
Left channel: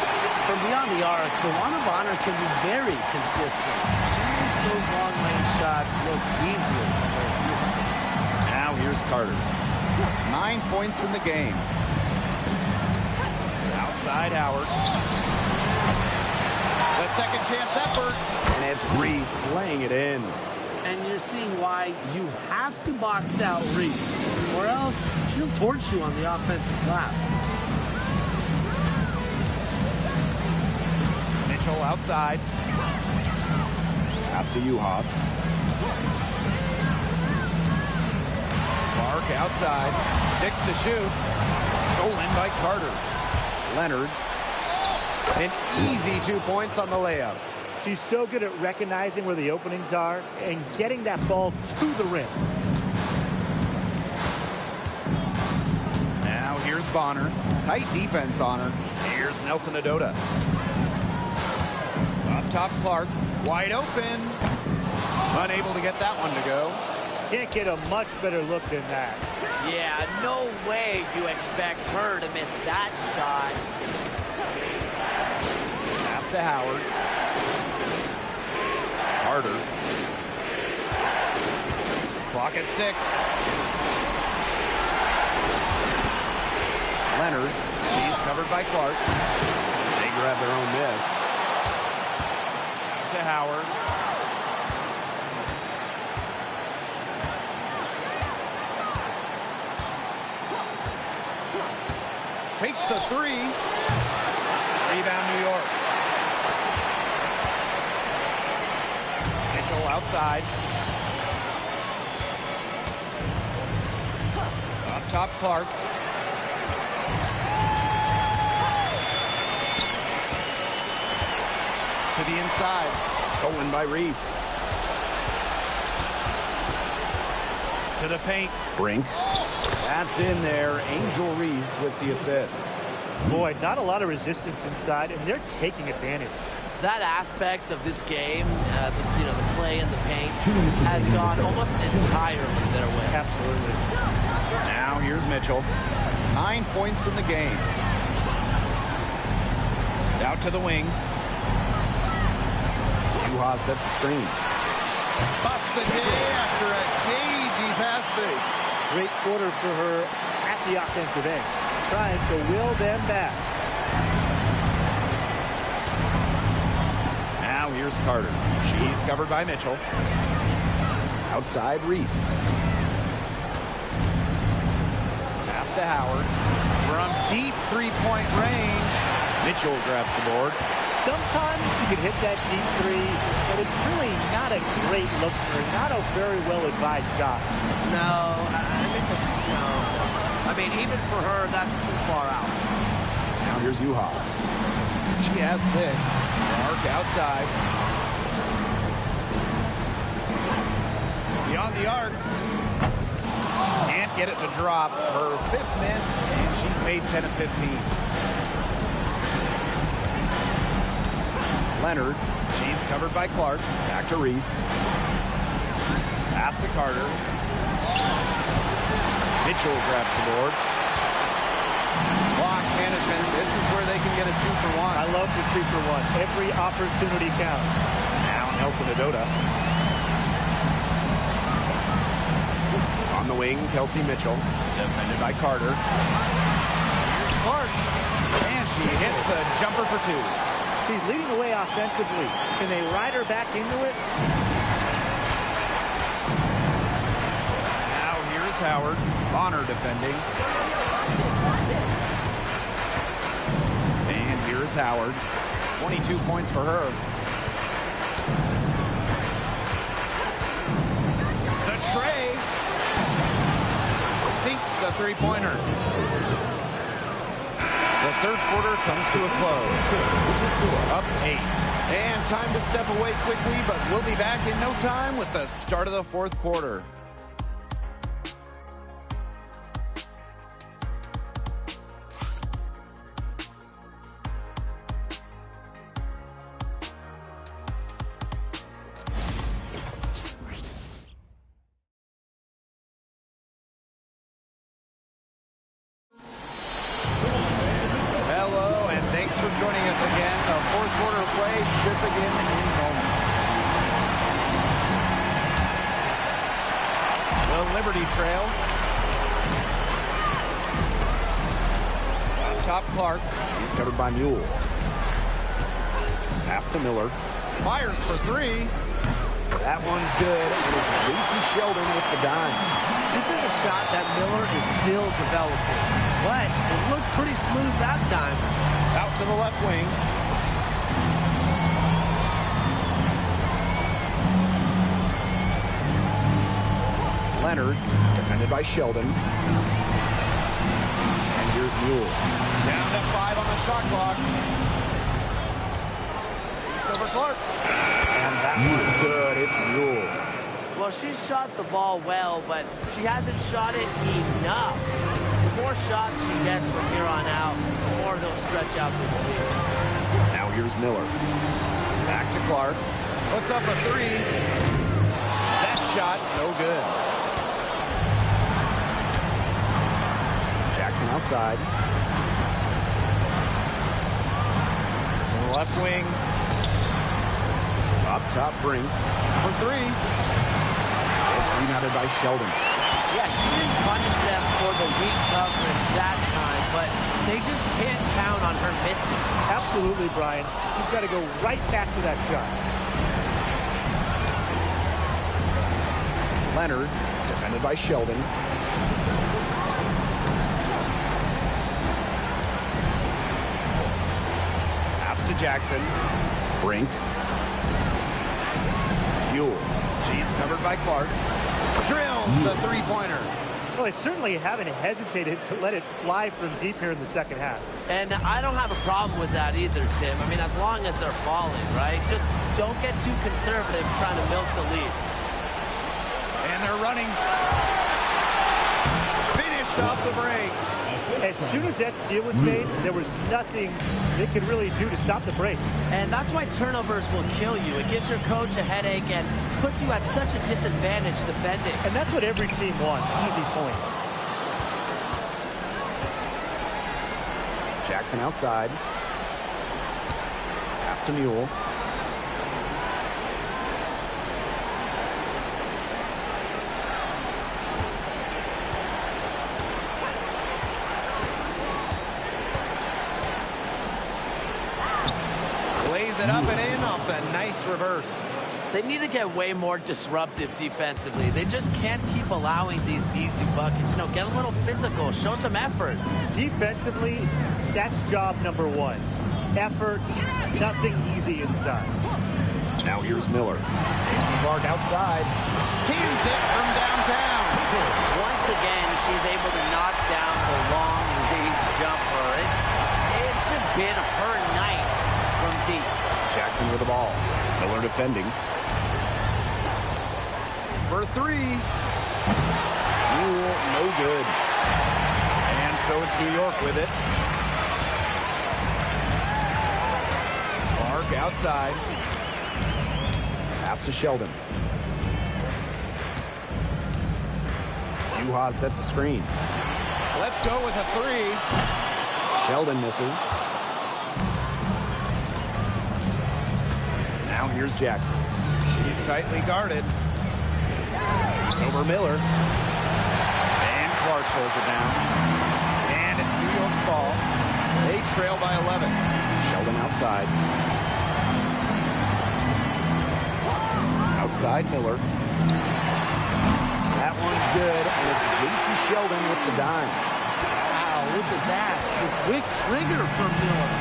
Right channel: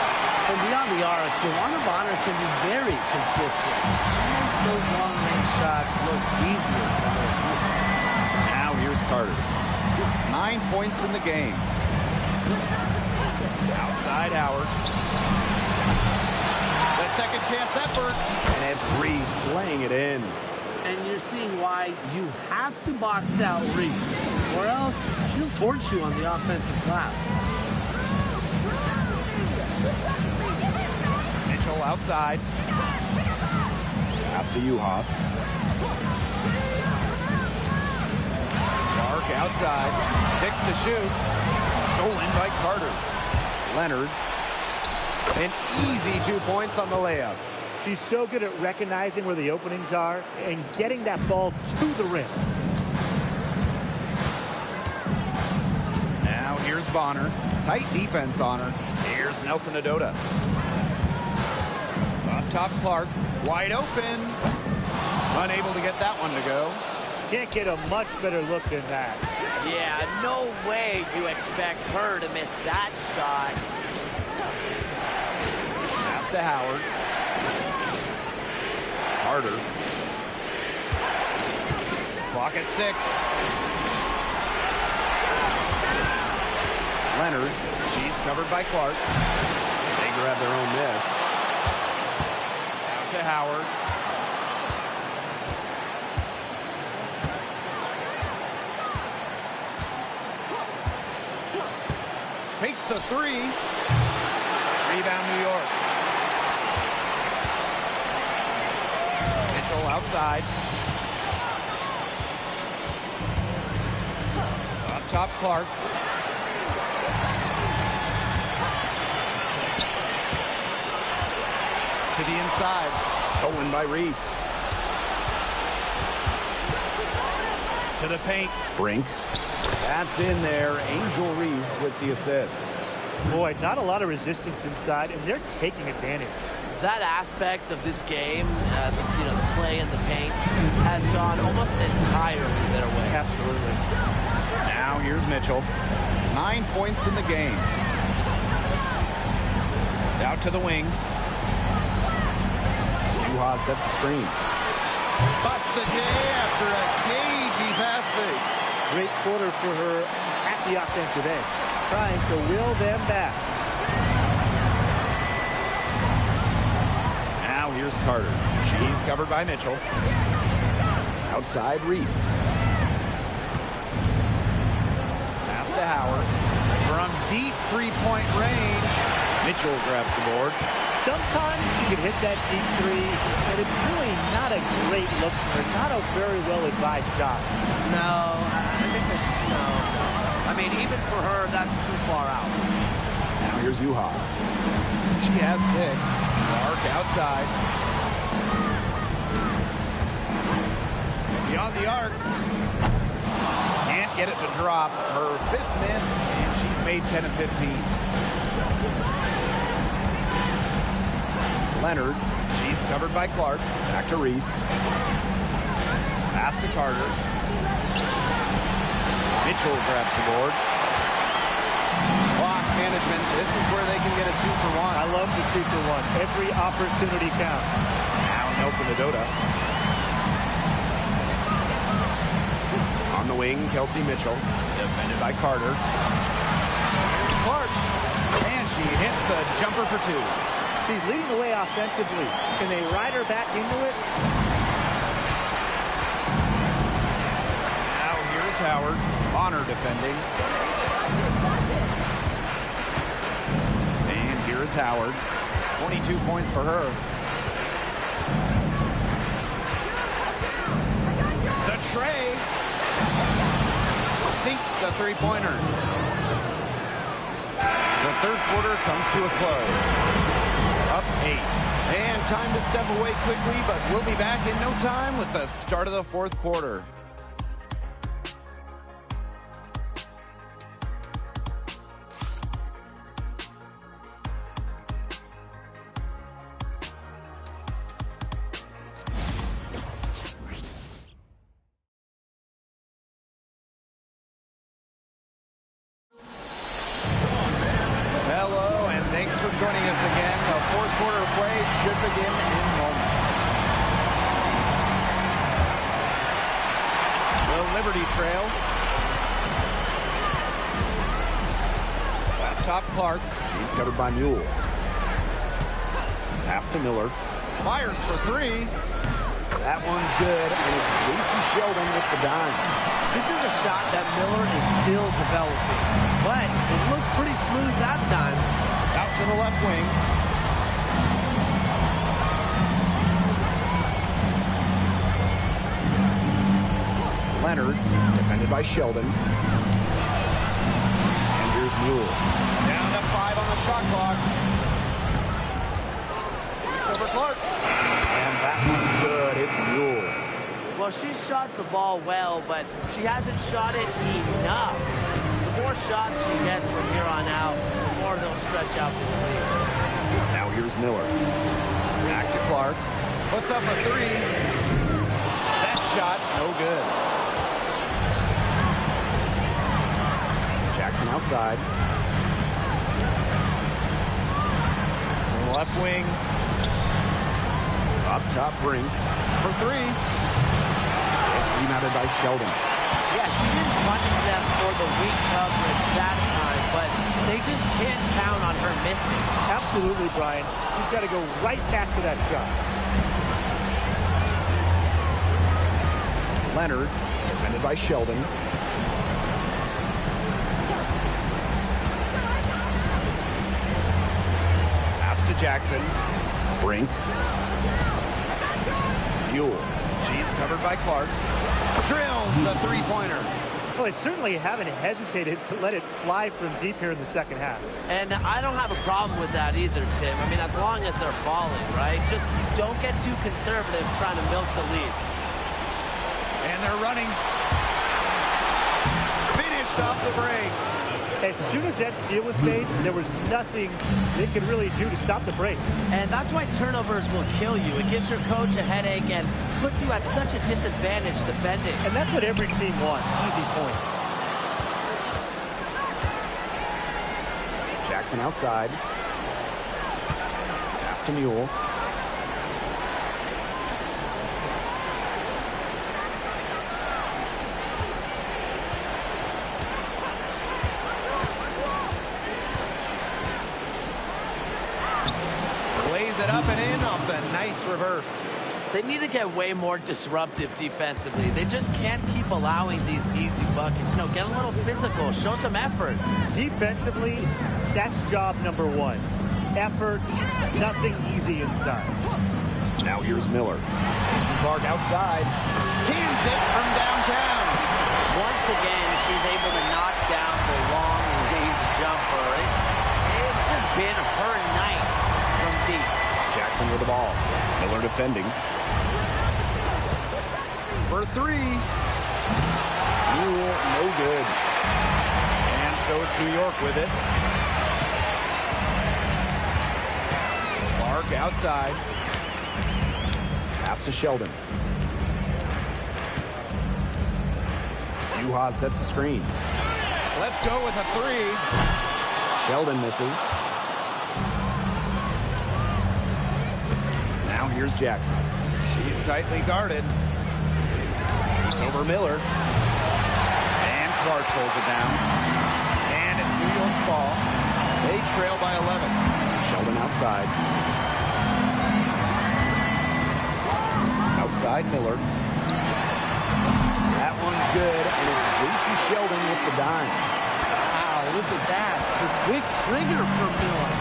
From beyond the arc, DeWanna Bonner can be very consistent. She makes those long-range shots look easier than they appear. Now here's Carter. 9 points in the game. Outside Howard. The second chance effort. And it's Reese laying it in. And you're seeing why you have to box out Reese, or else she'll torch you on the offensive glass. Mitchell outside. Pass to Uhas. Clark outside. 6 to shoot. Stolen by Carter. Leonard. An easy 2 points on the layup. She's so good at recognizing where the openings are and getting that ball to the rim. here's Bonner. Tight defense on her. Here's Nelson Adota. Up top, Clark. Wide open. Unable to get that one to go. Can't get a much better look than that. Yeah, no way you expect her to miss that shot. Pass to Howard. Carter. Clock at 6. Leonard. She's covered by Clark. They grab their own miss. Out to Howard. Takes the 3. Rebound, New York. Mitchell outside. Up top, Clark. To the inside. Stolen by Reese. To the paint. Brink. That's in there. Angel Reese with the assist. Boy, not a lot of resistance inside, and they're taking advantage. That aspect of this game, the play in the paint, has gone almost entirely their way. Absolutely. Now here's Mitchell. 9 points in the game. Out to the wing. Juha sets the screen. Busts the day after a cagey pass fake. Great quarter for her at the offensive end, trying to will them back. Now here's Carter. She's covered by Mitchell. Outside Reese. Pass to Howard. From deep three-point range. Mitchell grabs the board. Sometimes you can hit that deep 3, but it's really not a great look for her. Not a very well-advised shot. No. I mean, even for her, that's too far out. Now here's Juhas. She has 6. Clark outside. Beyond the arc. Can't get it to drop. Her 5th miss, and she's made 10 of 15. Leonard. She's covered by Clark. Back to Reese. Pass to Carter. Mitchell grabs the board. Clock management. This is where they can get a 2-for-1. I love the 2-for-1. Every opportunity counts. Now Nelson Adota. On the wing, Kelsey Mitchell. Defended by Carter. Here's Clark. And she hits the jumper for 2. She's leading the way offensively. Can they ride her back into it? Now here's Howard. Bonner defending. Watch it. And here's Howard. 22 points for her. The tray. Sinks the three-pointer. The third quarter comes to a close. Up 8. And time to step away quickly, but we'll be back in no time with the start of the fourth quarter. Hello, and thanks for joining us again. The fourth quarter of play should begin in moments. The Liberty Trail. Up top, Clark. She's covered by Mule. Pass to Miller. Fires for 3. That one's good, and it's J.C. Sheldon with the dime. This is a shot that Miller is still developing, but it looked pretty smooth that time. Out to the left wing. Leonard, defended by Sheldon. And here's Mule. Down to 5 on the shot clock. Beats over Clark. And that one's good. It's Mule. Well, she shot the ball well, but she hasn't shot it enough. The more shots she gets from here on out, the more they'll stretch out this lead. Now here's Miller. Back to Clark. Puts up a three. That shot, no good. Jackson outside. Left wing. Up top, Brink. For three. It's rebounded by Sheldon. Yeah, she didn't punish them for the weak coverage that time, but they just can't count on her missing. Absolutely, Brian. She's got to go right back to that shot. Leonard, defended by Sheldon. Pass to Jackson. Brink. Buell. She's covered by Clark. Drills the three-pointer. Well, they certainly haven't hesitated to let it fly from deep here in the second half. And I don't have a problem with that either, Tim. I mean, as long as they're falling, right? Just don't get too conservative trying to milk the lead. And they're running. Finished off the break. As soon as that steal was made, there was nothing they could really do to stop the break. And that's why turnovers will kill you. It gives your coach a headache and puts you at such a disadvantage defending. And that's what every team wants, easy points. Jackson outside. Pass to Mule. Lays it up and in off the nice reverse. They need to get way more disruptive defensively. They just can't keep allowing these easy buckets. No, get a little physical. Show some effort. Defensively, that's job number one. Effort, nothing easy inside. Now here's Miller. Clark outside. Cans it from downtown. Once again, she's able to knock down the long-range jumper. It's just been her night from deep. Jackson with the ball. Miller defending. For three. Mule, no good. And so it's New York with it. Clark outside. Pass to Sheldon. Yuha sets the screen. Let's go with a three. Sheldon misses. Now here's Jackson. She's tightly guarded. She's over Miller. And Clark pulls it down. And it's New York's ball. They trail by 11. Sheldon outside. Outside Miller. That one's good, and it's J.C. Sheldon with the dime. Wow, look at that. The quick trigger from Miller.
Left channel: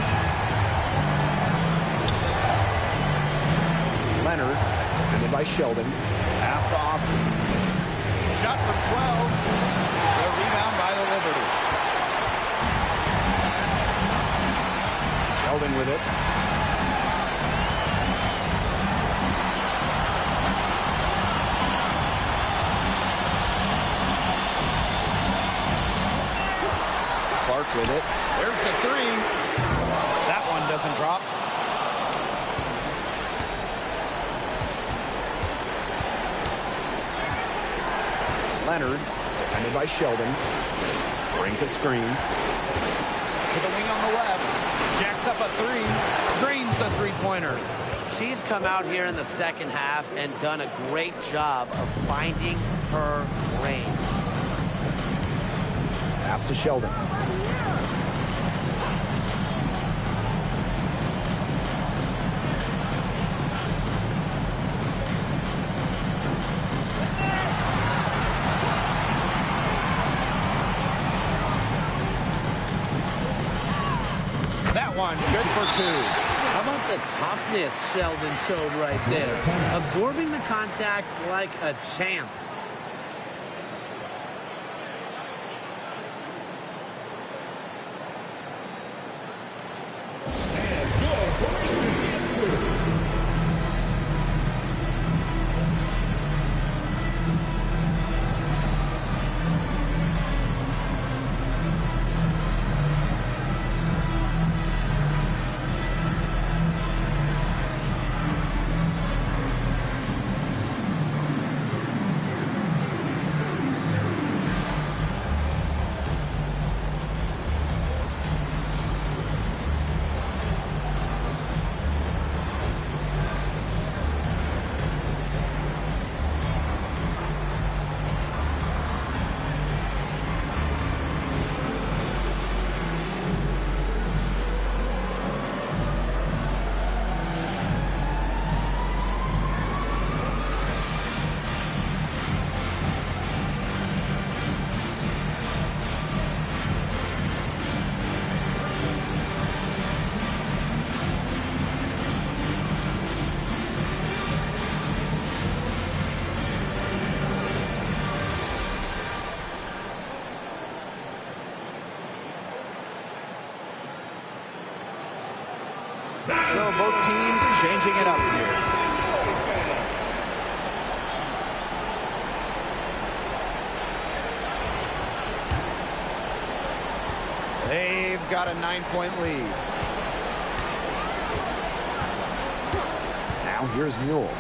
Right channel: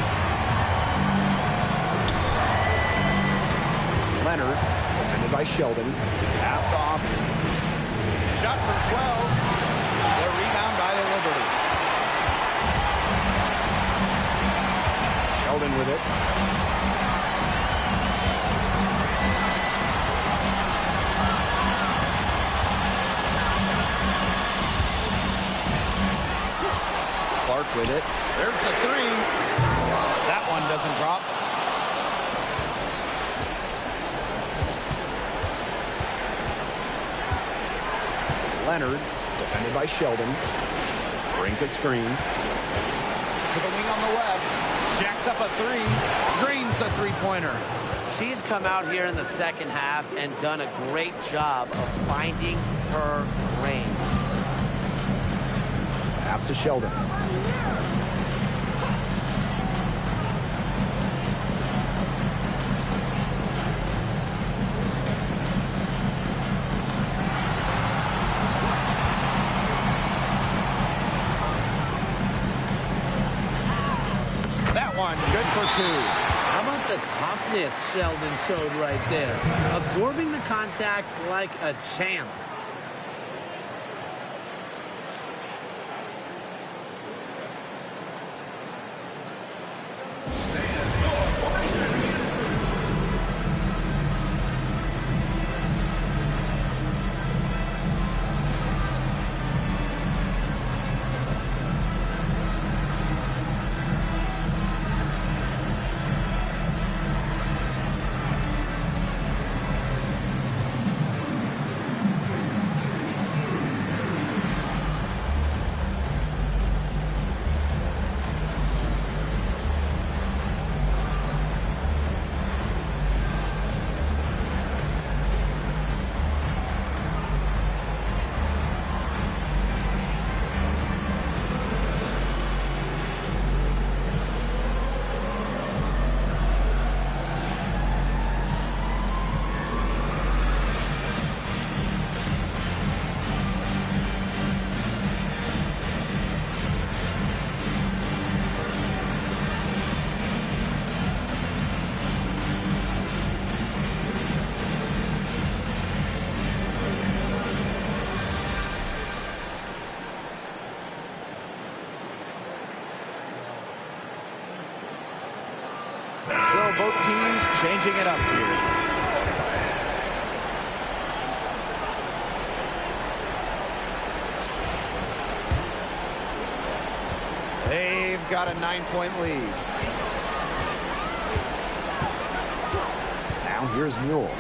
Leonard, defended by Sheldon. Pass to Austin. Shot from 12. The rebound by the Liberty. Sheldon with it. Clark with it. There's the three. That one doesn't drop. Leonard, defended by Sheldon. Brink a screen. To the wing on the left. Jacks up a three. Drains the three-pointer. She's come out here in the second half and done a great job of finding her range. Pass to Sheldon. That one, good for two. How about the toughness Sheldon showed right there? Absorbing the contact like a champ. So both teams changing it up here. They've got a 9-point lead. Now here's Mule.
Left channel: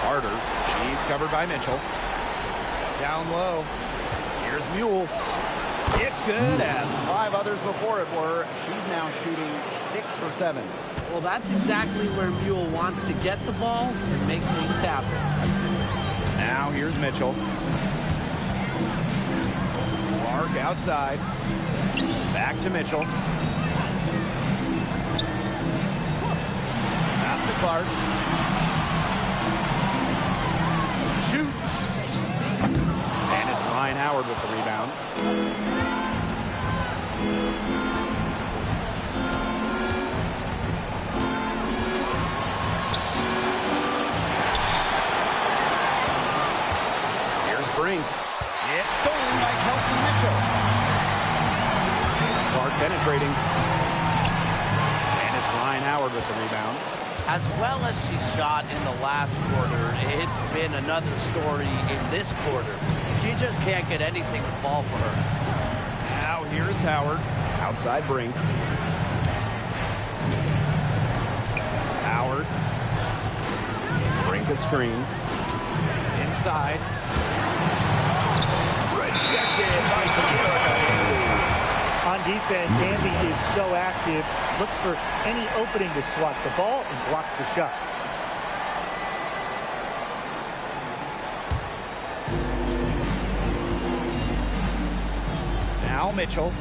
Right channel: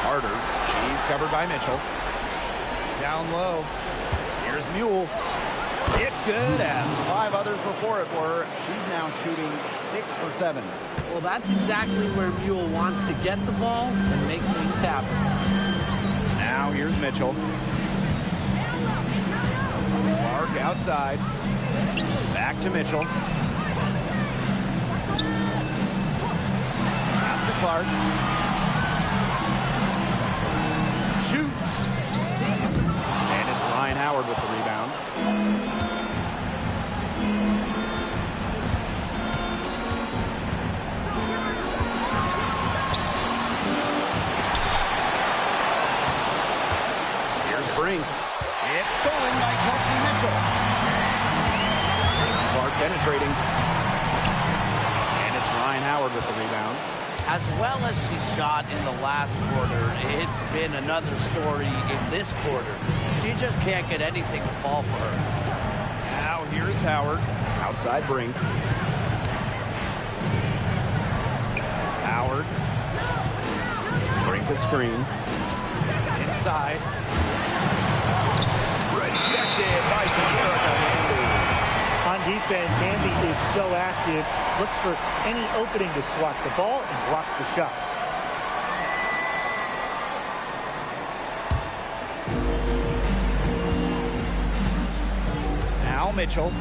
Carter, she's covered by Mitchell. Down low. Here's Mule. It's good, as 5 others before it were. She's now shooting 6 for 7. Well, that's exactly where Mule wants to get the ball and make things happen. Now here's Mitchell. Clark outside. Back to Mitchell. Pass to Clark. Shoots. And it's Ryan Howard with the rebound. Here's Brink. It's stolen by Kelsey Mitchell. Clark penetrating. And it's Ryan Howard with the rebound. As well as she shot in the last quarter, it's been another story in this quarter. She just can't get anything to fall for her. Now here's Howard. Outside Brink. Howard. Brink a screen. Inside. Rejected by Erica Hamby. On defense, Hamby is so active, looks for any opening to swat the ball and blocks the shot. Now Mitchell.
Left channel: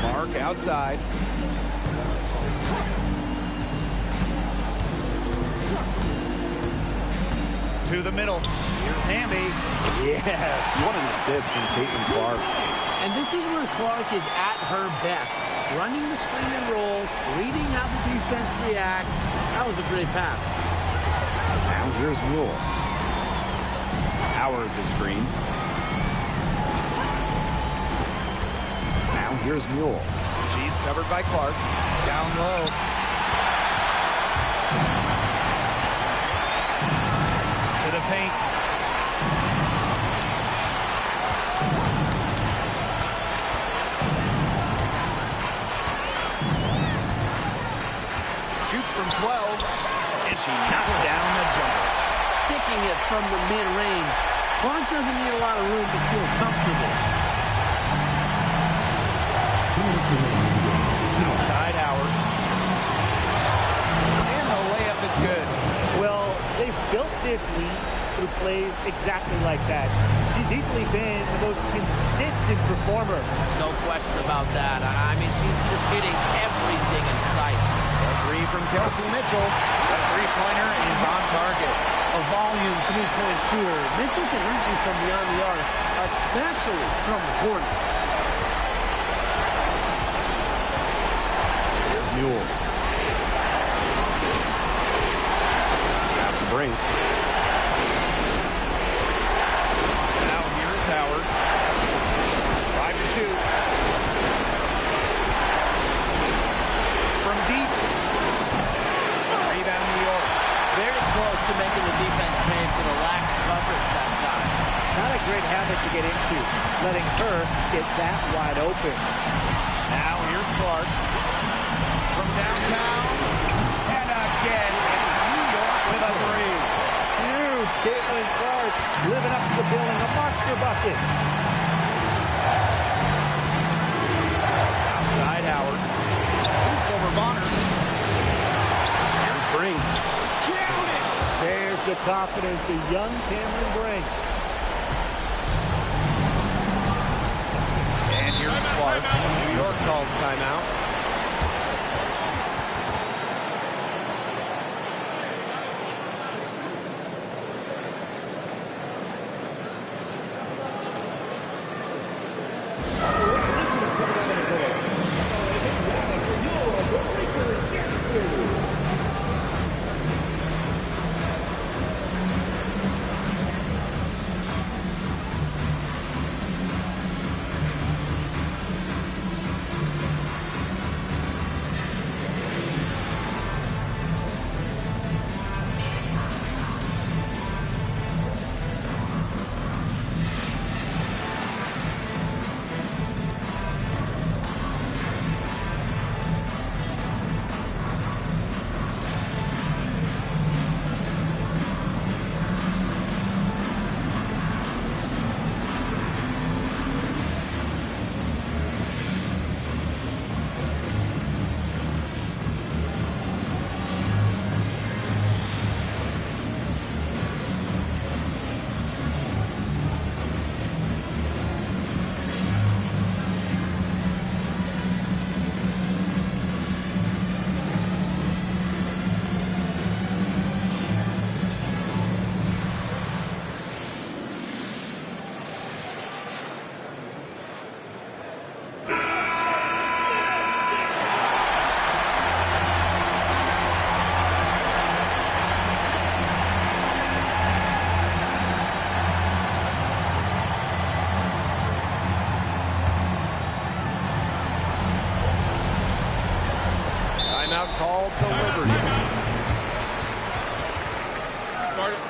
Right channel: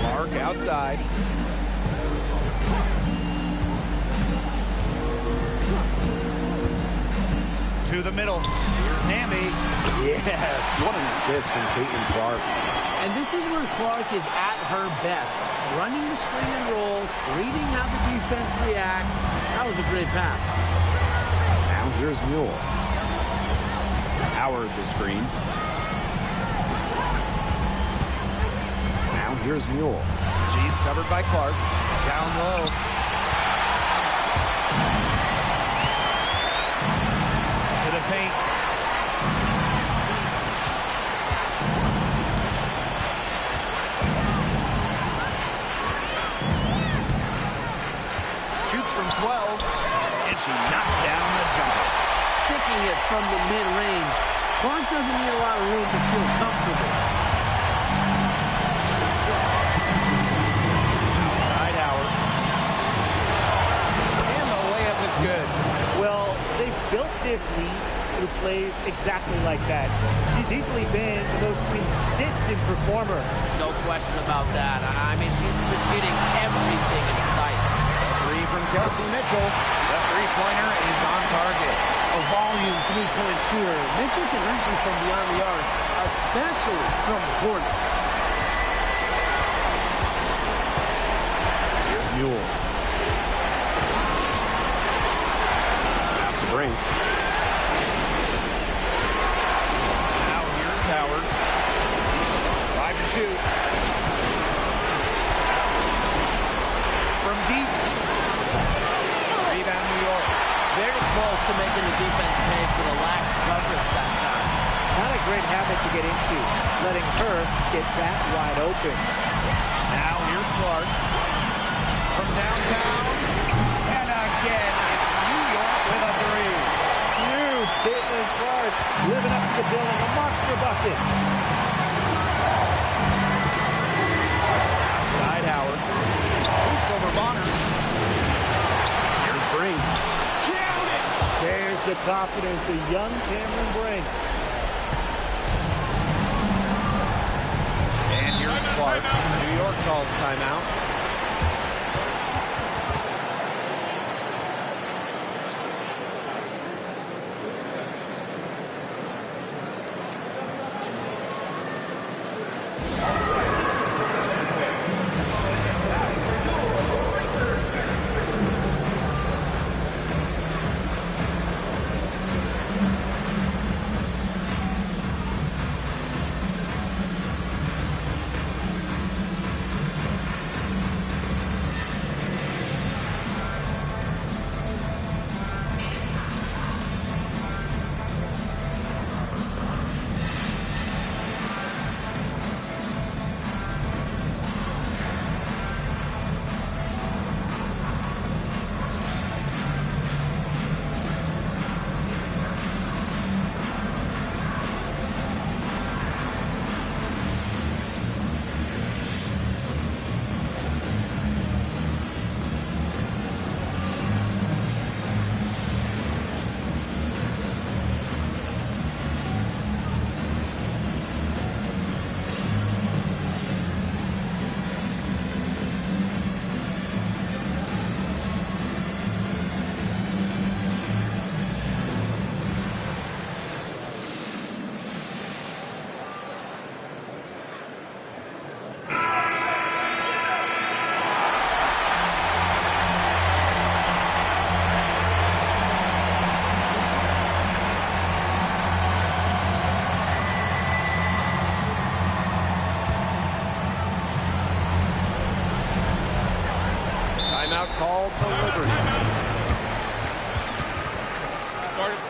Clark outside. To the middle. Here's Hamby. Yes, what an assist from Caitlin Clark. And this is where Clark is at her best. Running the screen and roll, reading how the defense reacts. That was a great pass. Now here's Mule. Howard the screen. Now here's Mule. She's covered by Clark. Down low. To the paint. Shoots from 12, and she knocks down the jumper. Sticking it from the mid-range. Clark doesn't need a lot of room to feel comfortable. Outside Howard. And the layup is good. Well, they've built this lead through plays exactly like that. She's easily been the most consistent performer. No question about that. I mean, she's just hitting everything in sight. A three from Kelsey Mitchell. The three-pointer is on target. A volume three-point shooter. Mitchell can hurt you from beyond the arc, especially from the corner. Here's Mule. Pass to Brink. Now here's Howard. 5 to shoot. From deep. Rebound New York. Very close to making the defense pay for the lax coverage that time. Not a great habit to get into, letting her get that wide open. Now here's Clark. From downtown. And again, it's New York with a three. Huge. Caitlin Clark living up to the billing. A monster bucket. Outside Howard. Boots over Bonner. Here's Brink. Count it! There's the confidence of young Cameron Brink. And here's Clark. New York calls timeout. Timeout called to Liberty. Started.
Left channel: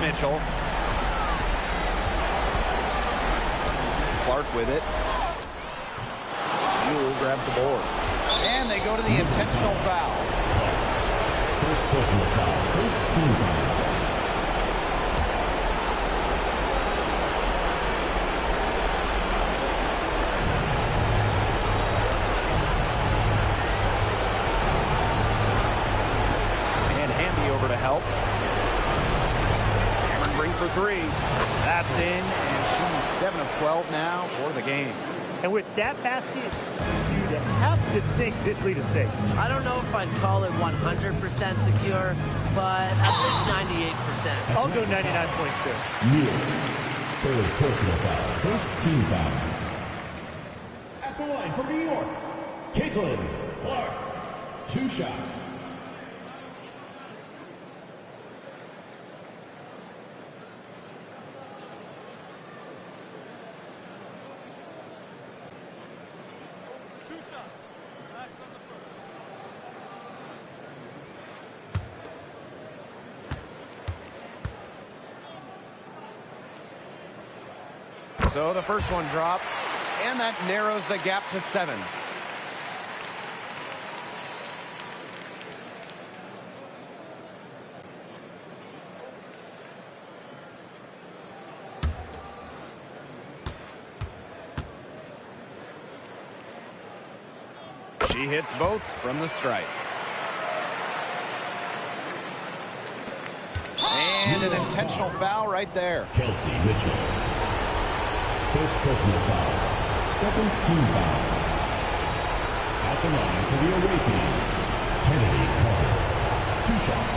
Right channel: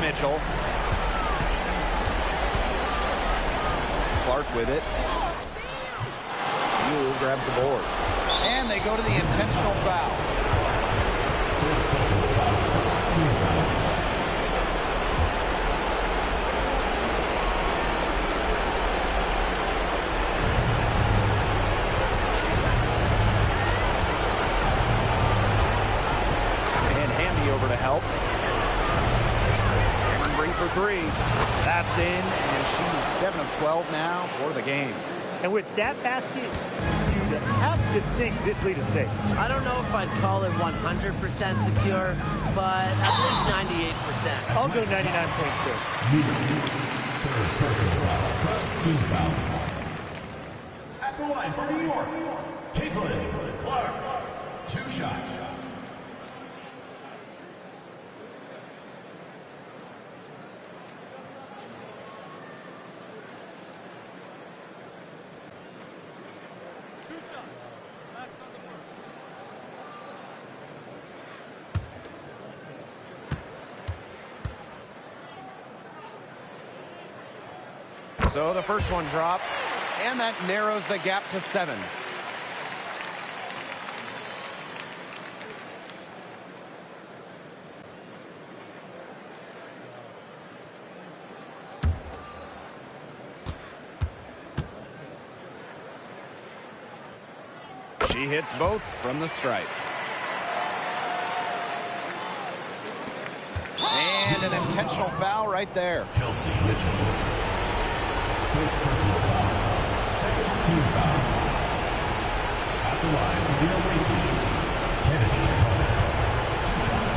Mitchell. Clark with it. Sewell grabs the board. And they go to the intentional foul. First personal foul. First team foul. And Hamby over to help. Bring for three. That's in, and she's 7 of 12 now for the game. And with that basket, you'd have to think this lead is safe. I don't know if I'd call it 100% secure, but at least 98%. I'll go 99.2. Miller. Third personal foul. First team foul. At the line for New York, Caitlin Clark. 2 shots. So the first one drops, and that narrows the gap to 7. She hits both from the stripe. And an intentional foul right there. Kelsey Mitchell. First personal foul. Second team foul. At the line for the away team, Kennedy Cole. 2 shots.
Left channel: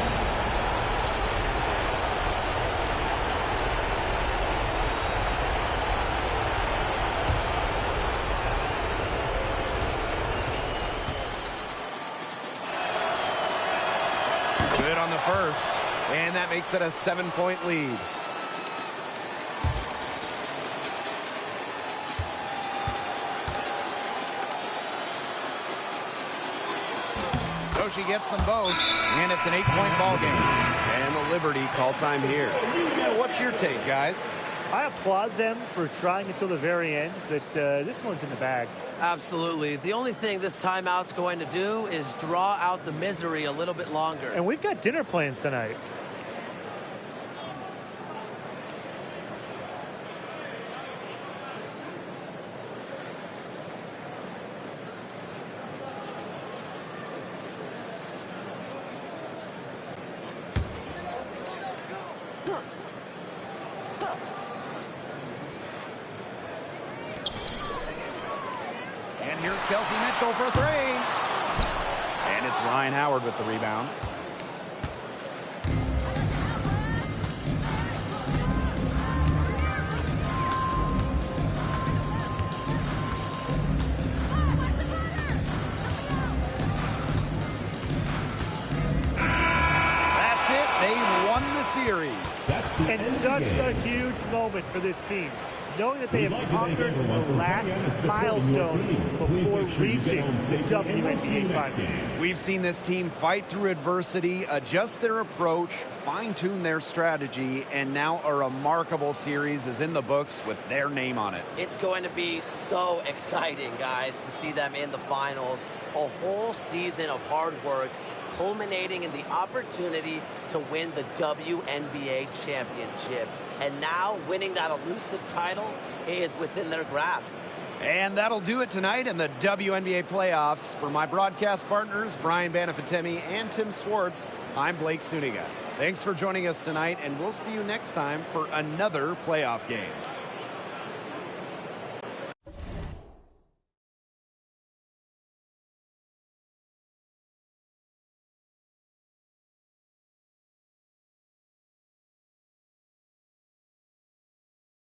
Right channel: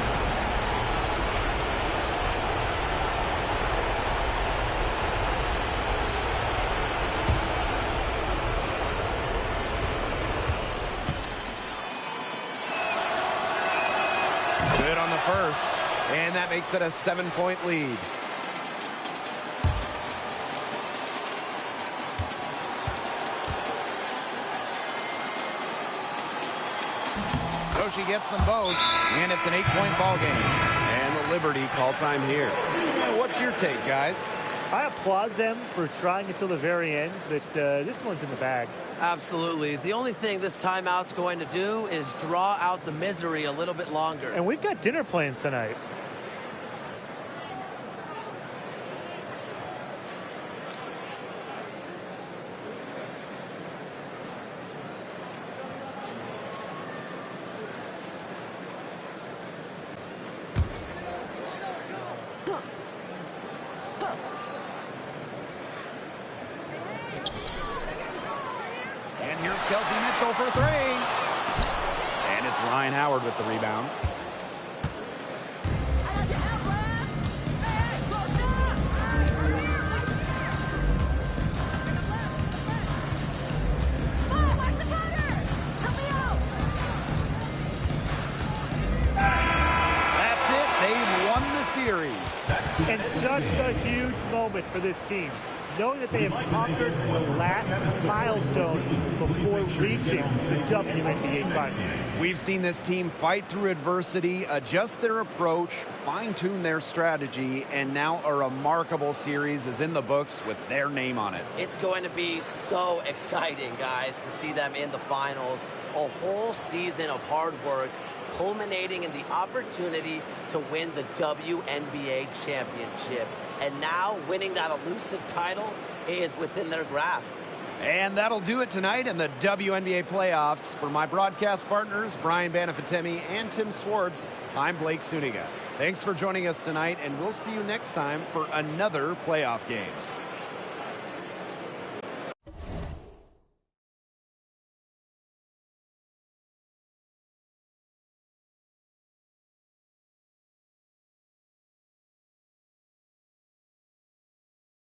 Good on the first, and that makes it a 7-point lead. So she gets them both, and it's an 8-point ball game. And the Liberty call time here. What's your take, guys? I applaud them for trying until the very end, but this one's in the bag. Absolutely. The only thing this timeout's going to do is draw out the misery a little bit longer. And we've got dinner plans tonight. And here's Kelsey Mitchell for 3. And And it's Ryan Howard with the rebound. That's it. They've won the series. And such a huge moment for this team, knowing that they have conquered the last milestone before reaching the WNBA Finals. We've seen this team fight through adversity, adjust their approach, fine-tune their strategy, and now a remarkable series is in the books with their name on it. It's going to be so exciting, guys, to see them in the finals. A whole season of hard work culminating in the opportunity to win the WNBA championship. And now winning that elusive title is within their grasp. And that'll do it tonight in the WNBA playoffs. For my broadcast partners, Brian Banafitemi and Tim Swartz, I'm Blake Suniga. Thanks for joining us tonight, and we'll see you next time for another playoff game.